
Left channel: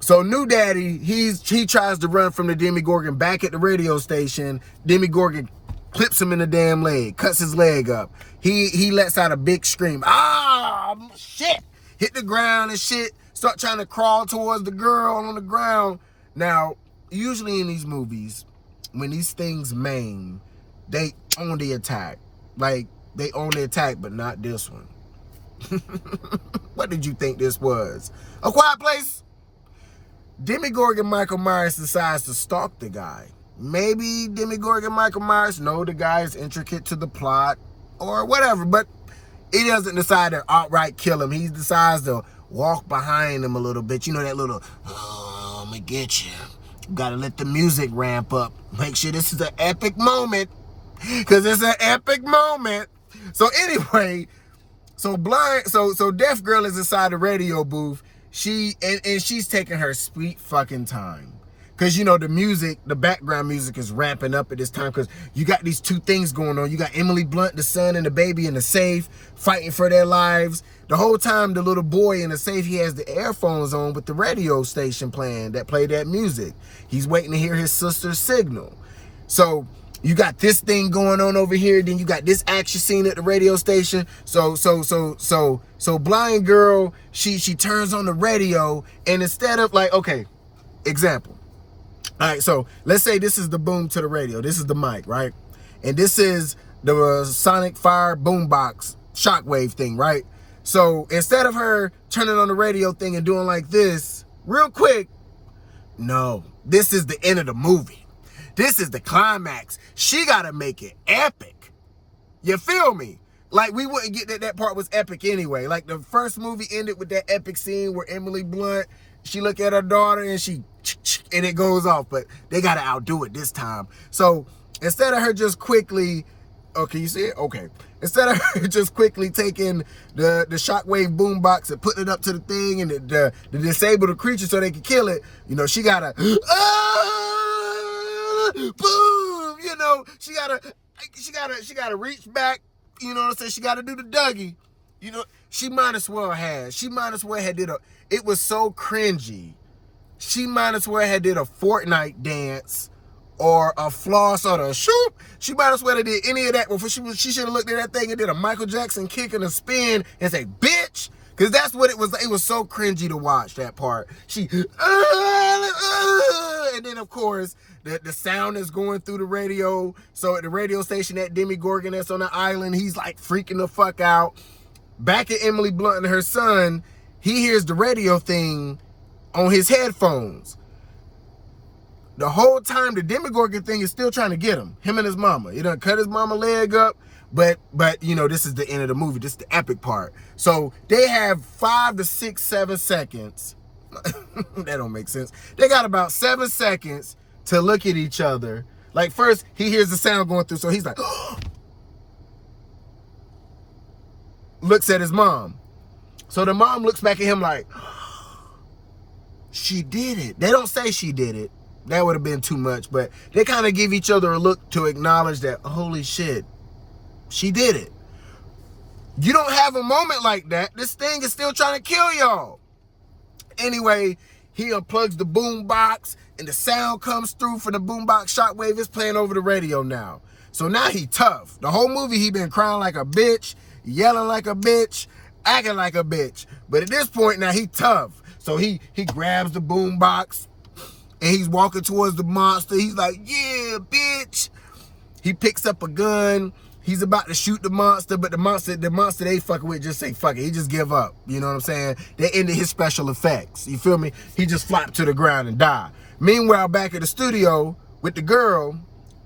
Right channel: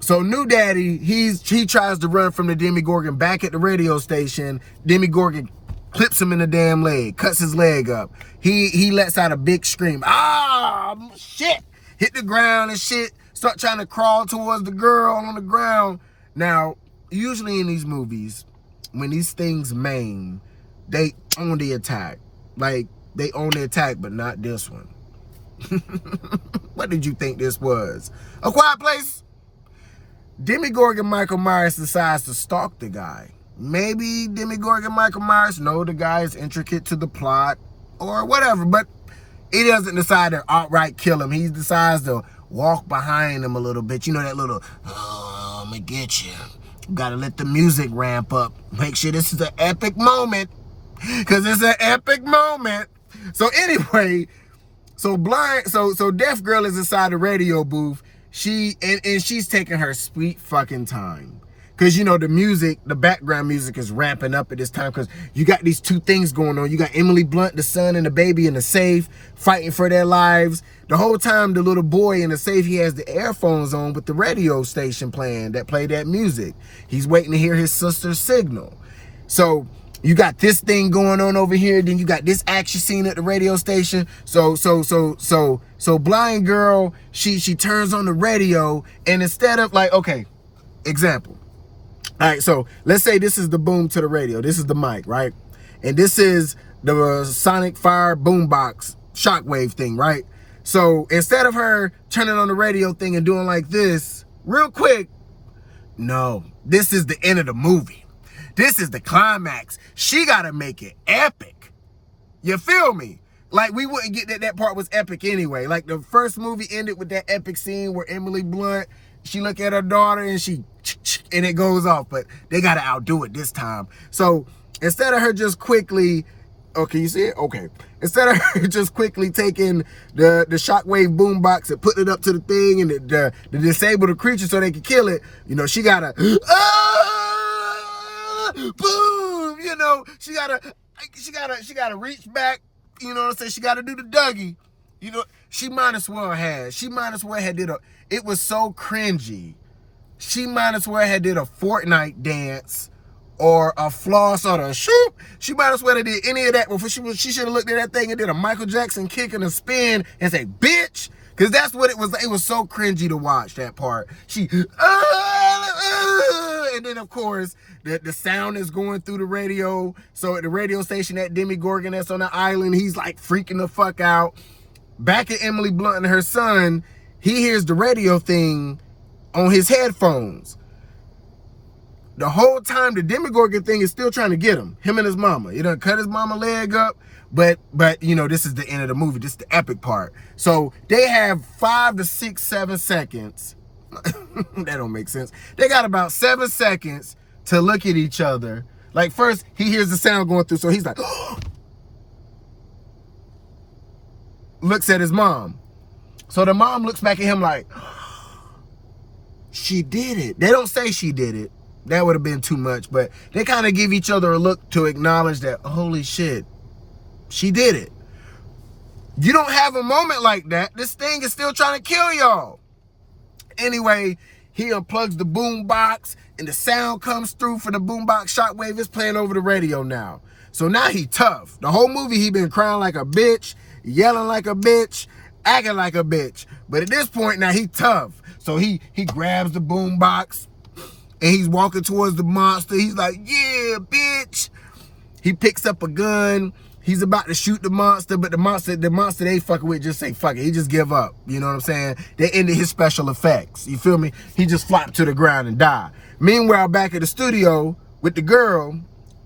So new daddy, he tries to run from the Demogorgon back at the radio station. Demogorgon clips him in the damn leg, cuts his leg up. He lets out a big scream. Ah, shit. Hit the ground and shit. Start trying to crawl towards the girl on the ground. Now, usually in these movies, when these things maim, they own the attack. Like, they own the attack, but not this one. What did you think this was? A Quiet Place? Demogorgon Michael Myers decides to stalk the guy. Maybe Demogorgon Michael Myers know the guy is intricate to the plot or whatever, but he doesn't decide to outright kill him. He decides to walk behind him a little bit. You know that little, oh, I'm gonna get you. Gotta let the music ramp up. Make sure this is an epic moment, because it's an epic moment. So anyway, so Deaf Girl is inside the radio booth. And she's taking her sweet fucking time. Because, you know, the music, the background music is ramping up at this time because you got these two things going on. You got Emily Blunt, the son, and the baby in the safe fighting for their lives. The whole time, the little boy in the safe, he has the earphones on with the radio station playing that play that music. He's waiting to hear his sister's signal. So you got this thing going on over here. Then you got this action scene at the radio station. So blind girl, she turns on the radio, and instead of like, okay, example. All right, so let's say this is the boom to the radio. This is the mic, right? And this is the Sonic Fire boombox shockwave thing, right? So instead of her turning on the radio thing and doing like this, real quick, no, this is the end of the movie. This is the climax. She got to make it epic. You feel me? Like, we wouldn't get that part was epic anyway. Like, the first movie ended with that epic scene where Emily Blunt, she look at her daughter and and it goes off, but they got to outdo it this time. So instead of her just quickly, oh, can you see it? Okay. Instead of her just quickly taking the shockwave boombox and putting it up to the thing and to disable the creature so they can kill it, you know, she got to, boom, you know, she gotta reach back, you know what I'm saying? She gotta do the Dougie. You know, she might as well had did it was so cringy. She might as well had did a Fortnite dance or a floss or a shoop. She might as well have did any of that before she should have looked at that thing and did a Michael Jackson kick and a spin and say, bitch. Because that's what it was. It was so cringy to watch that part. She, and then of course, the sound is going through the radio. So at the radio station, that Demogorgon that's on the island, he's like freaking the fuck out. Back at Emily Blunt and her son, he hears the radio thing on his headphones. The whole time, the Demogorgon thing is still trying to get him and his mama. He done cut his mama leg up, but you know, this is the end of the movie. This is the epic part. So they have 5 to 6, 7 seconds. That don't make sense. They got about 7 seconds to look at each other. Like, first, he hears the sound going through, so he's like, looks at his mom. So the mom looks back at him like, she did it. They don't say she did it. That would have been too much, but they kind of give each other a look to acknowledge that, holy shit, she did it. You don't have a moment like that. This thing is still trying to kill y'all. Anyway, he unplugs the boom box and the sound comes through from the boombox shockwave. It's playing over the radio now. So now he tough. The whole movie he been crying like a bitch, yelling like a bitch, acting like a bitch. But at this point now he tough. So he grabs the boombox and he's walking towards the monster. He's like, yeah, bitch. He picks up a gun. He's about to shoot the monster, but the monster they fucking with just say fuck it. He just give up. You know what I'm saying? They ended his special effects. You feel me? He just flopped to the ground and died. Meanwhile, back at the studio with the girl,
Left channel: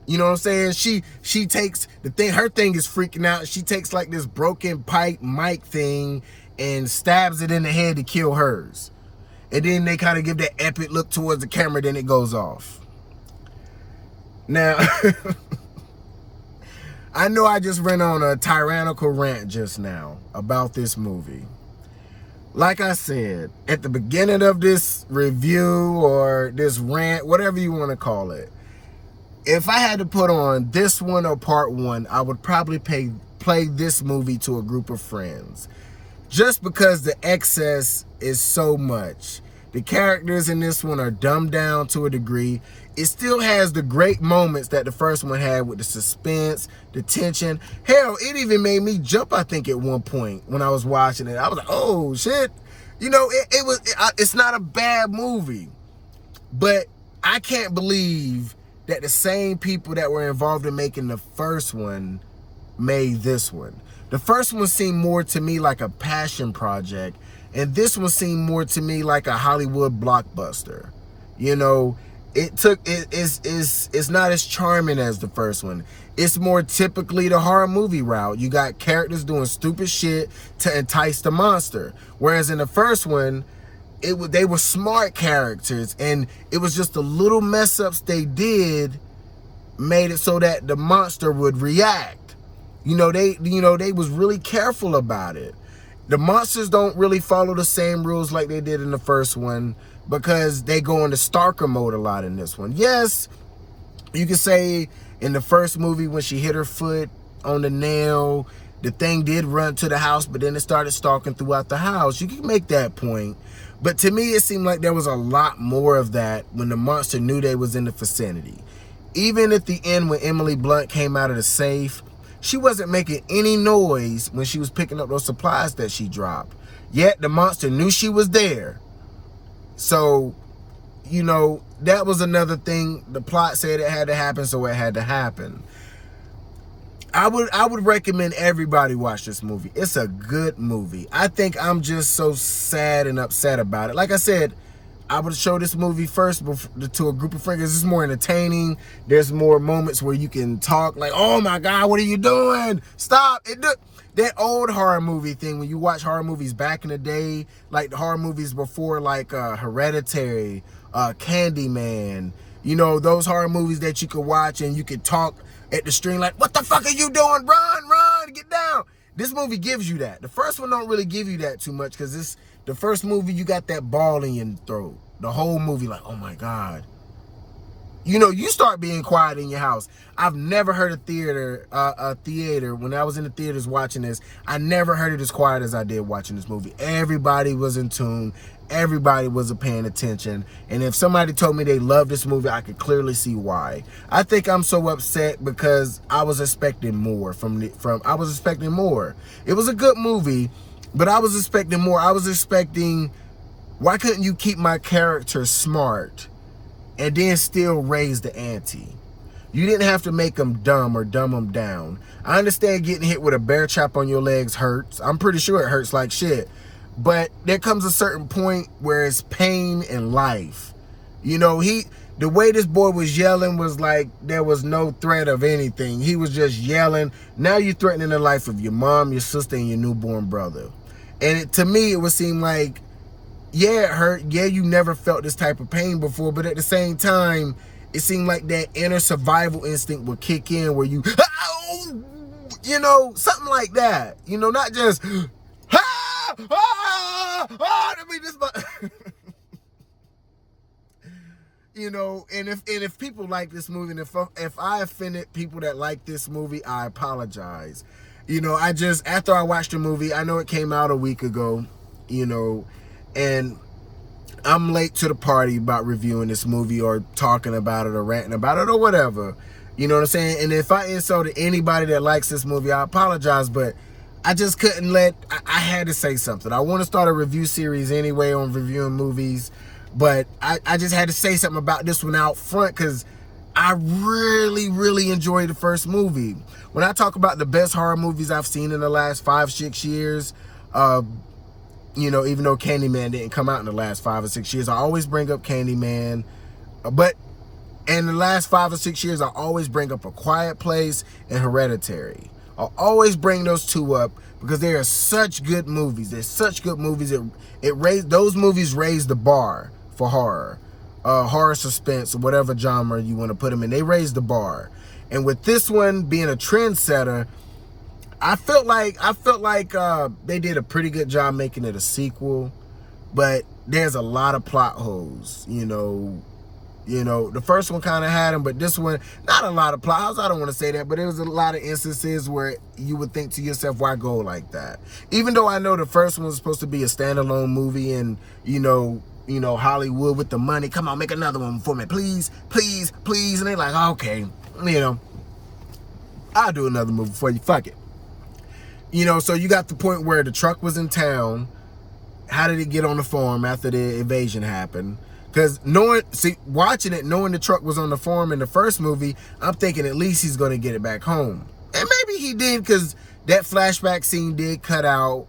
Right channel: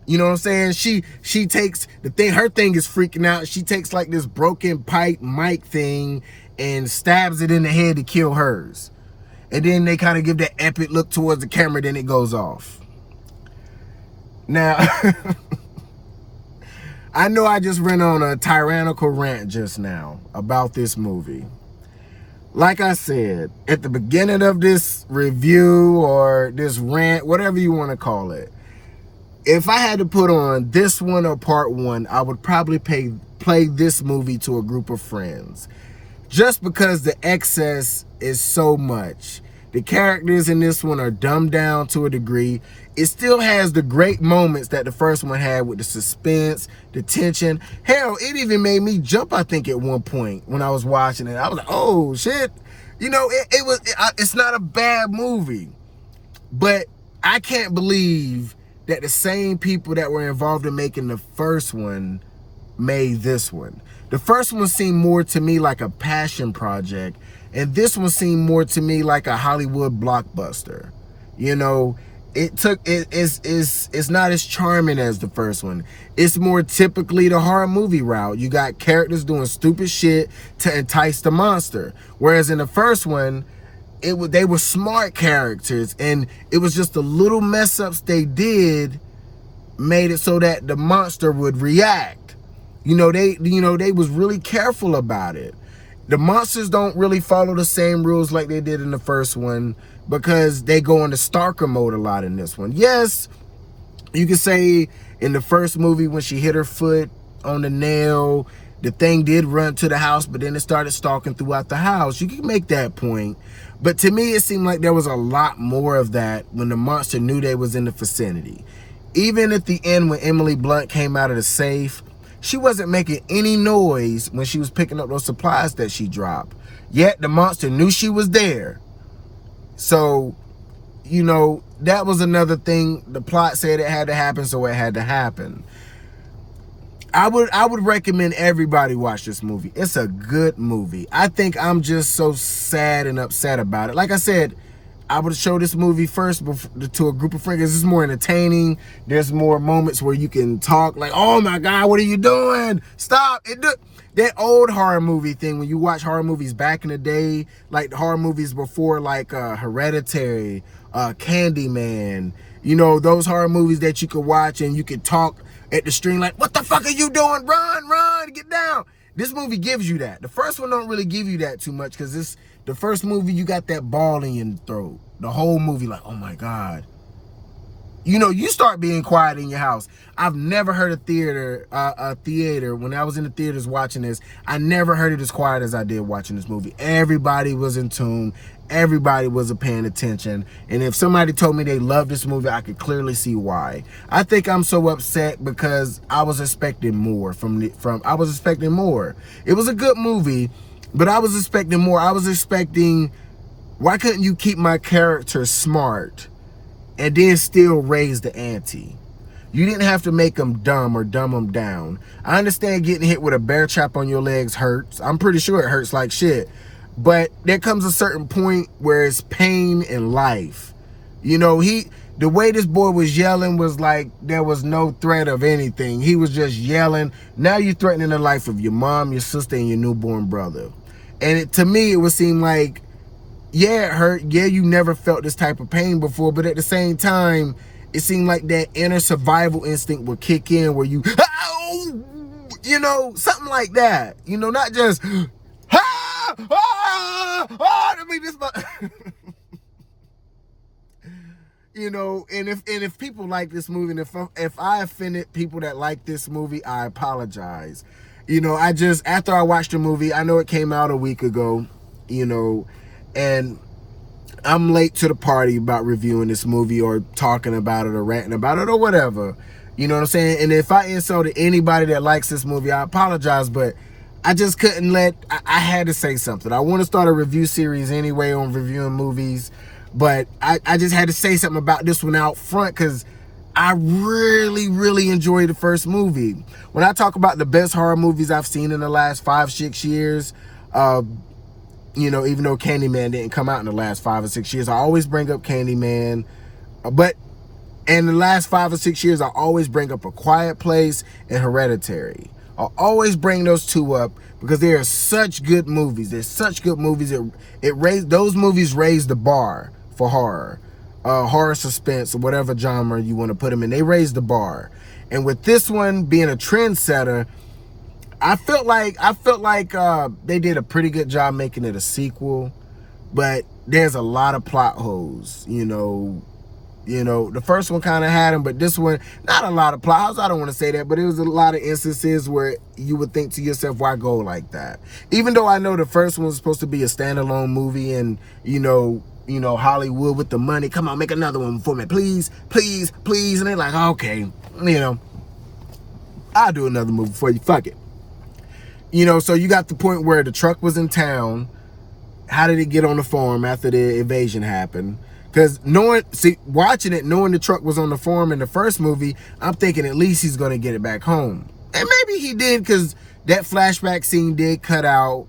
you know what I'm saying? She takes the thing, her thing is freaking out. She takes like this broken pipe mic thing and stabs it in the head to kill hers. And then they kind of give that epic look towards the camera, then it goes off. Now, I know I just went on a tyrannical rant just now about this movie. Like I said, at the beginning of this review or this rant, whatever you want to call it, if I had to put on this one or part one, I would probably play this movie to a group of friends. Just because the excess is so much. The characters in this one are dumbed down to a degree. It still has the great moments that the first one had with the suspense, the tension. Hell, it even made me jump, I think, at one point when I was watching it. I was like, oh, shit. You know, it's not a bad movie. But I can't believe that the same people that were involved in making the first one made this one. The first one seemed more to me like a passion project, and this one seemed more to me like a Hollywood blockbuster. You know, it's not as charming as the first one. It's more typically the horror movie route. You got characters doing stupid shit to entice the monster. Whereas in the first one, they were smart characters, and it was just the little mess ups they did made it so that the monster would react. They was really careful about it. The monsters don't really follow the same rules like they did in the first one because they go into stalker mode a lot in this one. Yes, you could say in the first movie when she hit her foot on the nail, the thing did run to the house, but then it started stalking throughout the house. You can make that point. But to me, it seemed like there was a lot more of that when the monster knew they was in the vicinity. Even at the end when Emily Blunt came out of the safe, she wasn't making any noise when she was picking up those supplies that she dropped. Yet the monster knew she was there. So, that was another thing. The plot said it had to happen, so it had to happen. I would recommend everybody watch this movie. It's a good movie. I think I'm just so sad and upset about it. Like I said, I would show this movie first to a group of friends. It's more entertaining. There's more moments where you can talk like, oh my God, what are you doing? Stop. That old horror movie thing, when you watch horror movies back in the day, like the horror movies before, like Hereditary, Candyman, those horror movies that you could watch and you could talk at the stream like, what the fuck are you doing? Run, get down. This movie gives you that. The first one don't really give you that too much because the first movie, you got that ball in your throat. The whole movie like, oh my God. You start being quiet in your house. I've never heard a theater, when I was in the theaters watching this, I never heard it as quiet as I did watching this movie. Everybody was in tune. Everybody was paying attention. And if somebody told me they loved this movie, I could clearly see why. I think I'm so upset because I was expecting more I was expecting more. It was a good movie, but I was expecting more. I was expecting, why couldn't you keep my character smart and then still raise the ante? You didn't have to make them dumb or dumb them down. I understand getting hit with a bear trap on your legs hurts. I'm pretty sure it hurts like shit. But there comes a certain point where it's pain in life. The way this boy was yelling was like there was no threat of anything. He was just yelling. Now you're threatening the life of your mom, your sister, and your newborn brother. And to me, it would seem like, yeah, it hurt. Yeah, you never felt this type of pain before. But at the same time, it seemed like that inner survival instinct would kick in where you, something like that. Not just, and if people like this movie, and if I offended people that like this movie, I apologize. After I watched the movie, I know it came out a week ago, and I'm late to the party about reviewing this movie or talking about it or ranting about it or whatever. You know what I'm saying? And if I insulted anybody that likes this movie, I apologize, but I just couldn't I had to say something. I want to start a review series anyway on reviewing movies, but I just had to say something about this one out front because I really, really enjoyed the first movie. When I talk about the best horror movies I've seen in the last 5-6 years, even though Candyman didn't come out in the last 5 or 6 years, I always bring up Candyman. But in the last 5 or 6 years, I always bring up A Quiet Place and Hereditary. I'll always bring those two up because they are such good movies. They're such good movies. Those movies raise the bar for horror, horror suspense, or whatever genre you want to put them in. They raise the bar. And with this one being a trendsetter, I felt like they did a pretty good job making it a sequel, but there's a lot of plot holes. The first one kind of had them, but this one, not a lot of plot holes. I don't want to say that, but it was a lot of instances where you would think to yourself, why go like that? Even though I know the first one was supposed to be a standalone movie, and Hollywood with the money, come on, make another one for me, please, please, please. And they're like, okay, I'll do another movie for you, fuck it. So you got the point where the truck was in town. How did it get on the farm after the invasion happened? Because watching it, knowing the truck was on the farm in the first movie, I'm thinking at least he's going to get it back home. And maybe he did, because that flashback scene did cut out.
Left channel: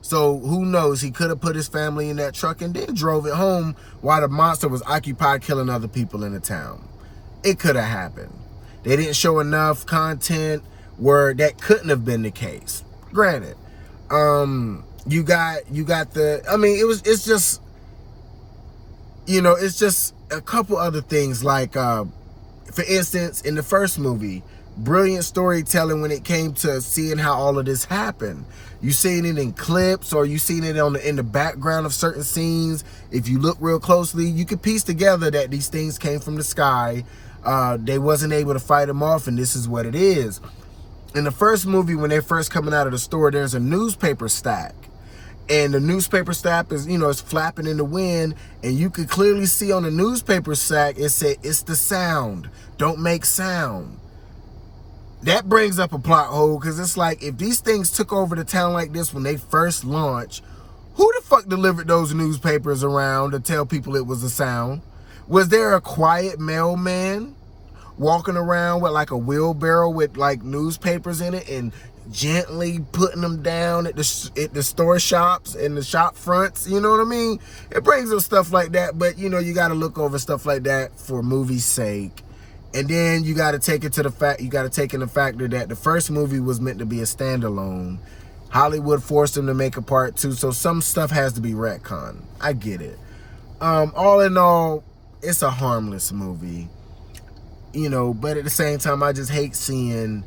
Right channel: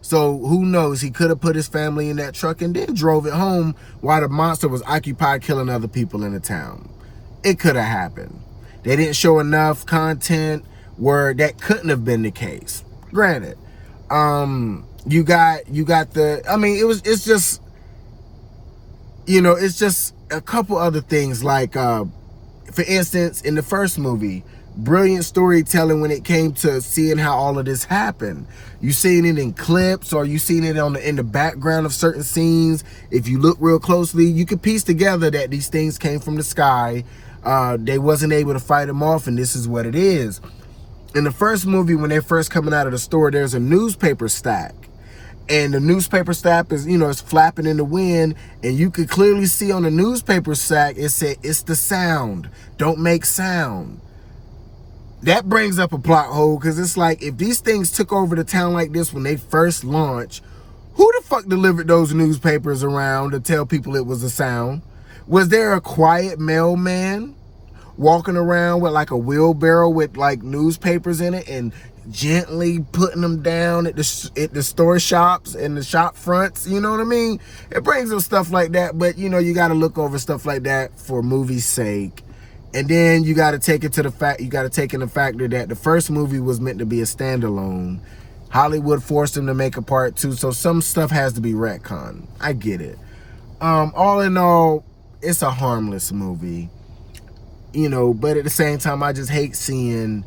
So who knows? He could have put his family in that truck and then drove it home while the monster was occupied killing other people in the town. It could have happened. They didn't show enough content where that couldn't have been the case. Granted, you got the, it's just, it's just a couple other things. Like, for instance, in the first movie, brilliant storytelling when it came to seeing how all of this happened. You seen it in clips, or you seen it in the background of certain scenes. If you look real closely, you could piece together that these things came from the sky. They wasn't able to fight them off, and this is what it is. In the first movie, when they're first coming out of the store, there's a newspaper stack. And the newspaper stack is, it's flapping in the wind. And you could clearly see on the newspaper stack, it said, it's the sound. Don't make sound. That brings up a plot hole, because it's like, if these things took over the town like this when they first launched, who the fuck delivered those newspapers around to tell people it was a sound? Was there a quiet mailman walking around with like a wheelbarrow with like newspapers in it and gently putting them down at the store shops and the shop fronts? You know what I mean? It brings up stuff like that, but you got to look over stuff like that for movie's sake. And then you got to take in the factor that the first movie was meant to be a standalone. Hollywood forced them to make a part 2, so some stuff has to be retconned. I get it. All in all, it's a harmless movie. But at the same time, I just hate seeing,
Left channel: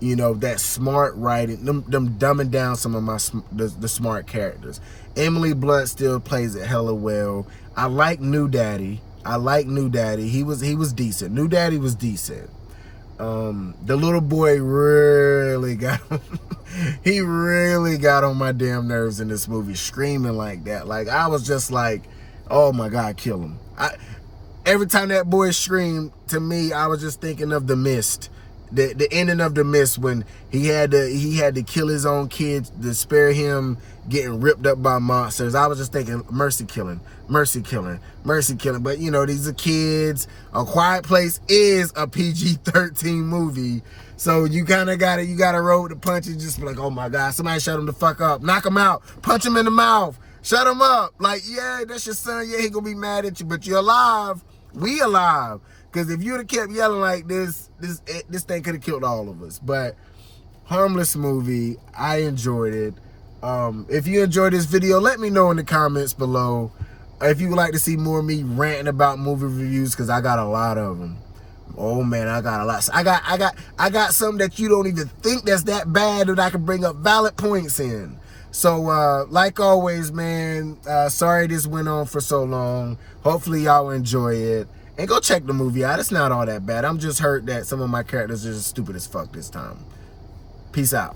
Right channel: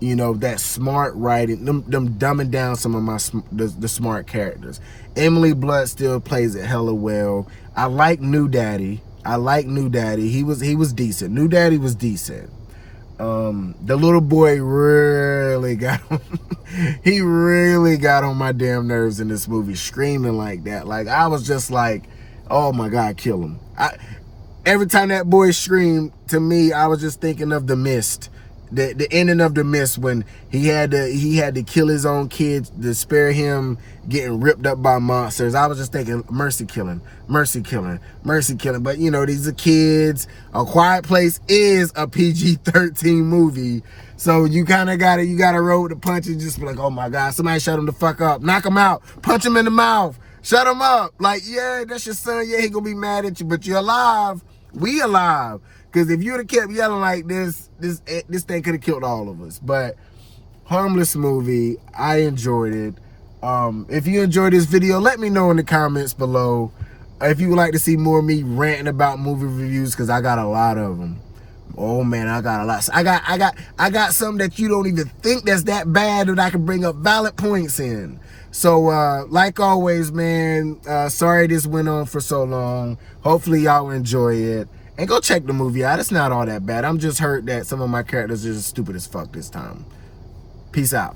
that smart writing, them dumbing down some of the smart characters. Emily Blunt still plays it hella well. I like New Daddy. He was decent. New Daddy was decent. The little boy really got he really got on my damn nerves in this movie, screaming like that. Like, I was just like, oh my God, kill him. Every time that boy screamed, to me, I was just thinking of The Mist. The ending of The Mist, when he had to kill his own kids to spare him getting ripped up by monsters. I was just thinking, mercy killing. But these are kids. A Quiet Place is a PG-13 movie, so you kind of gotta roll with the punches. Just be like, oh my God, somebody shut him the fuck up, knock him out, punch him in the mouth, shut him up. Like, yeah, that's your son. Yeah, he gonna be mad at you, but you're alive. We alive. Because if you would have kept yelling like this thing could have killed all of us. But harmless movie. I enjoyed it. If you enjoyed this video, let me know in the comments below. If you would like to see more of me ranting about movie reviews, because I got a lot of them. Oh man, I got a lot. I got some that you don't even think that's that bad that I can bring up valid points in. So like always, man, sorry this went on for so long. Hopefully y'all enjoy it. And go check the movie out. It's not all that bad. I'm just hurt that some of my characters are just stupid as fuck this time. Peace out.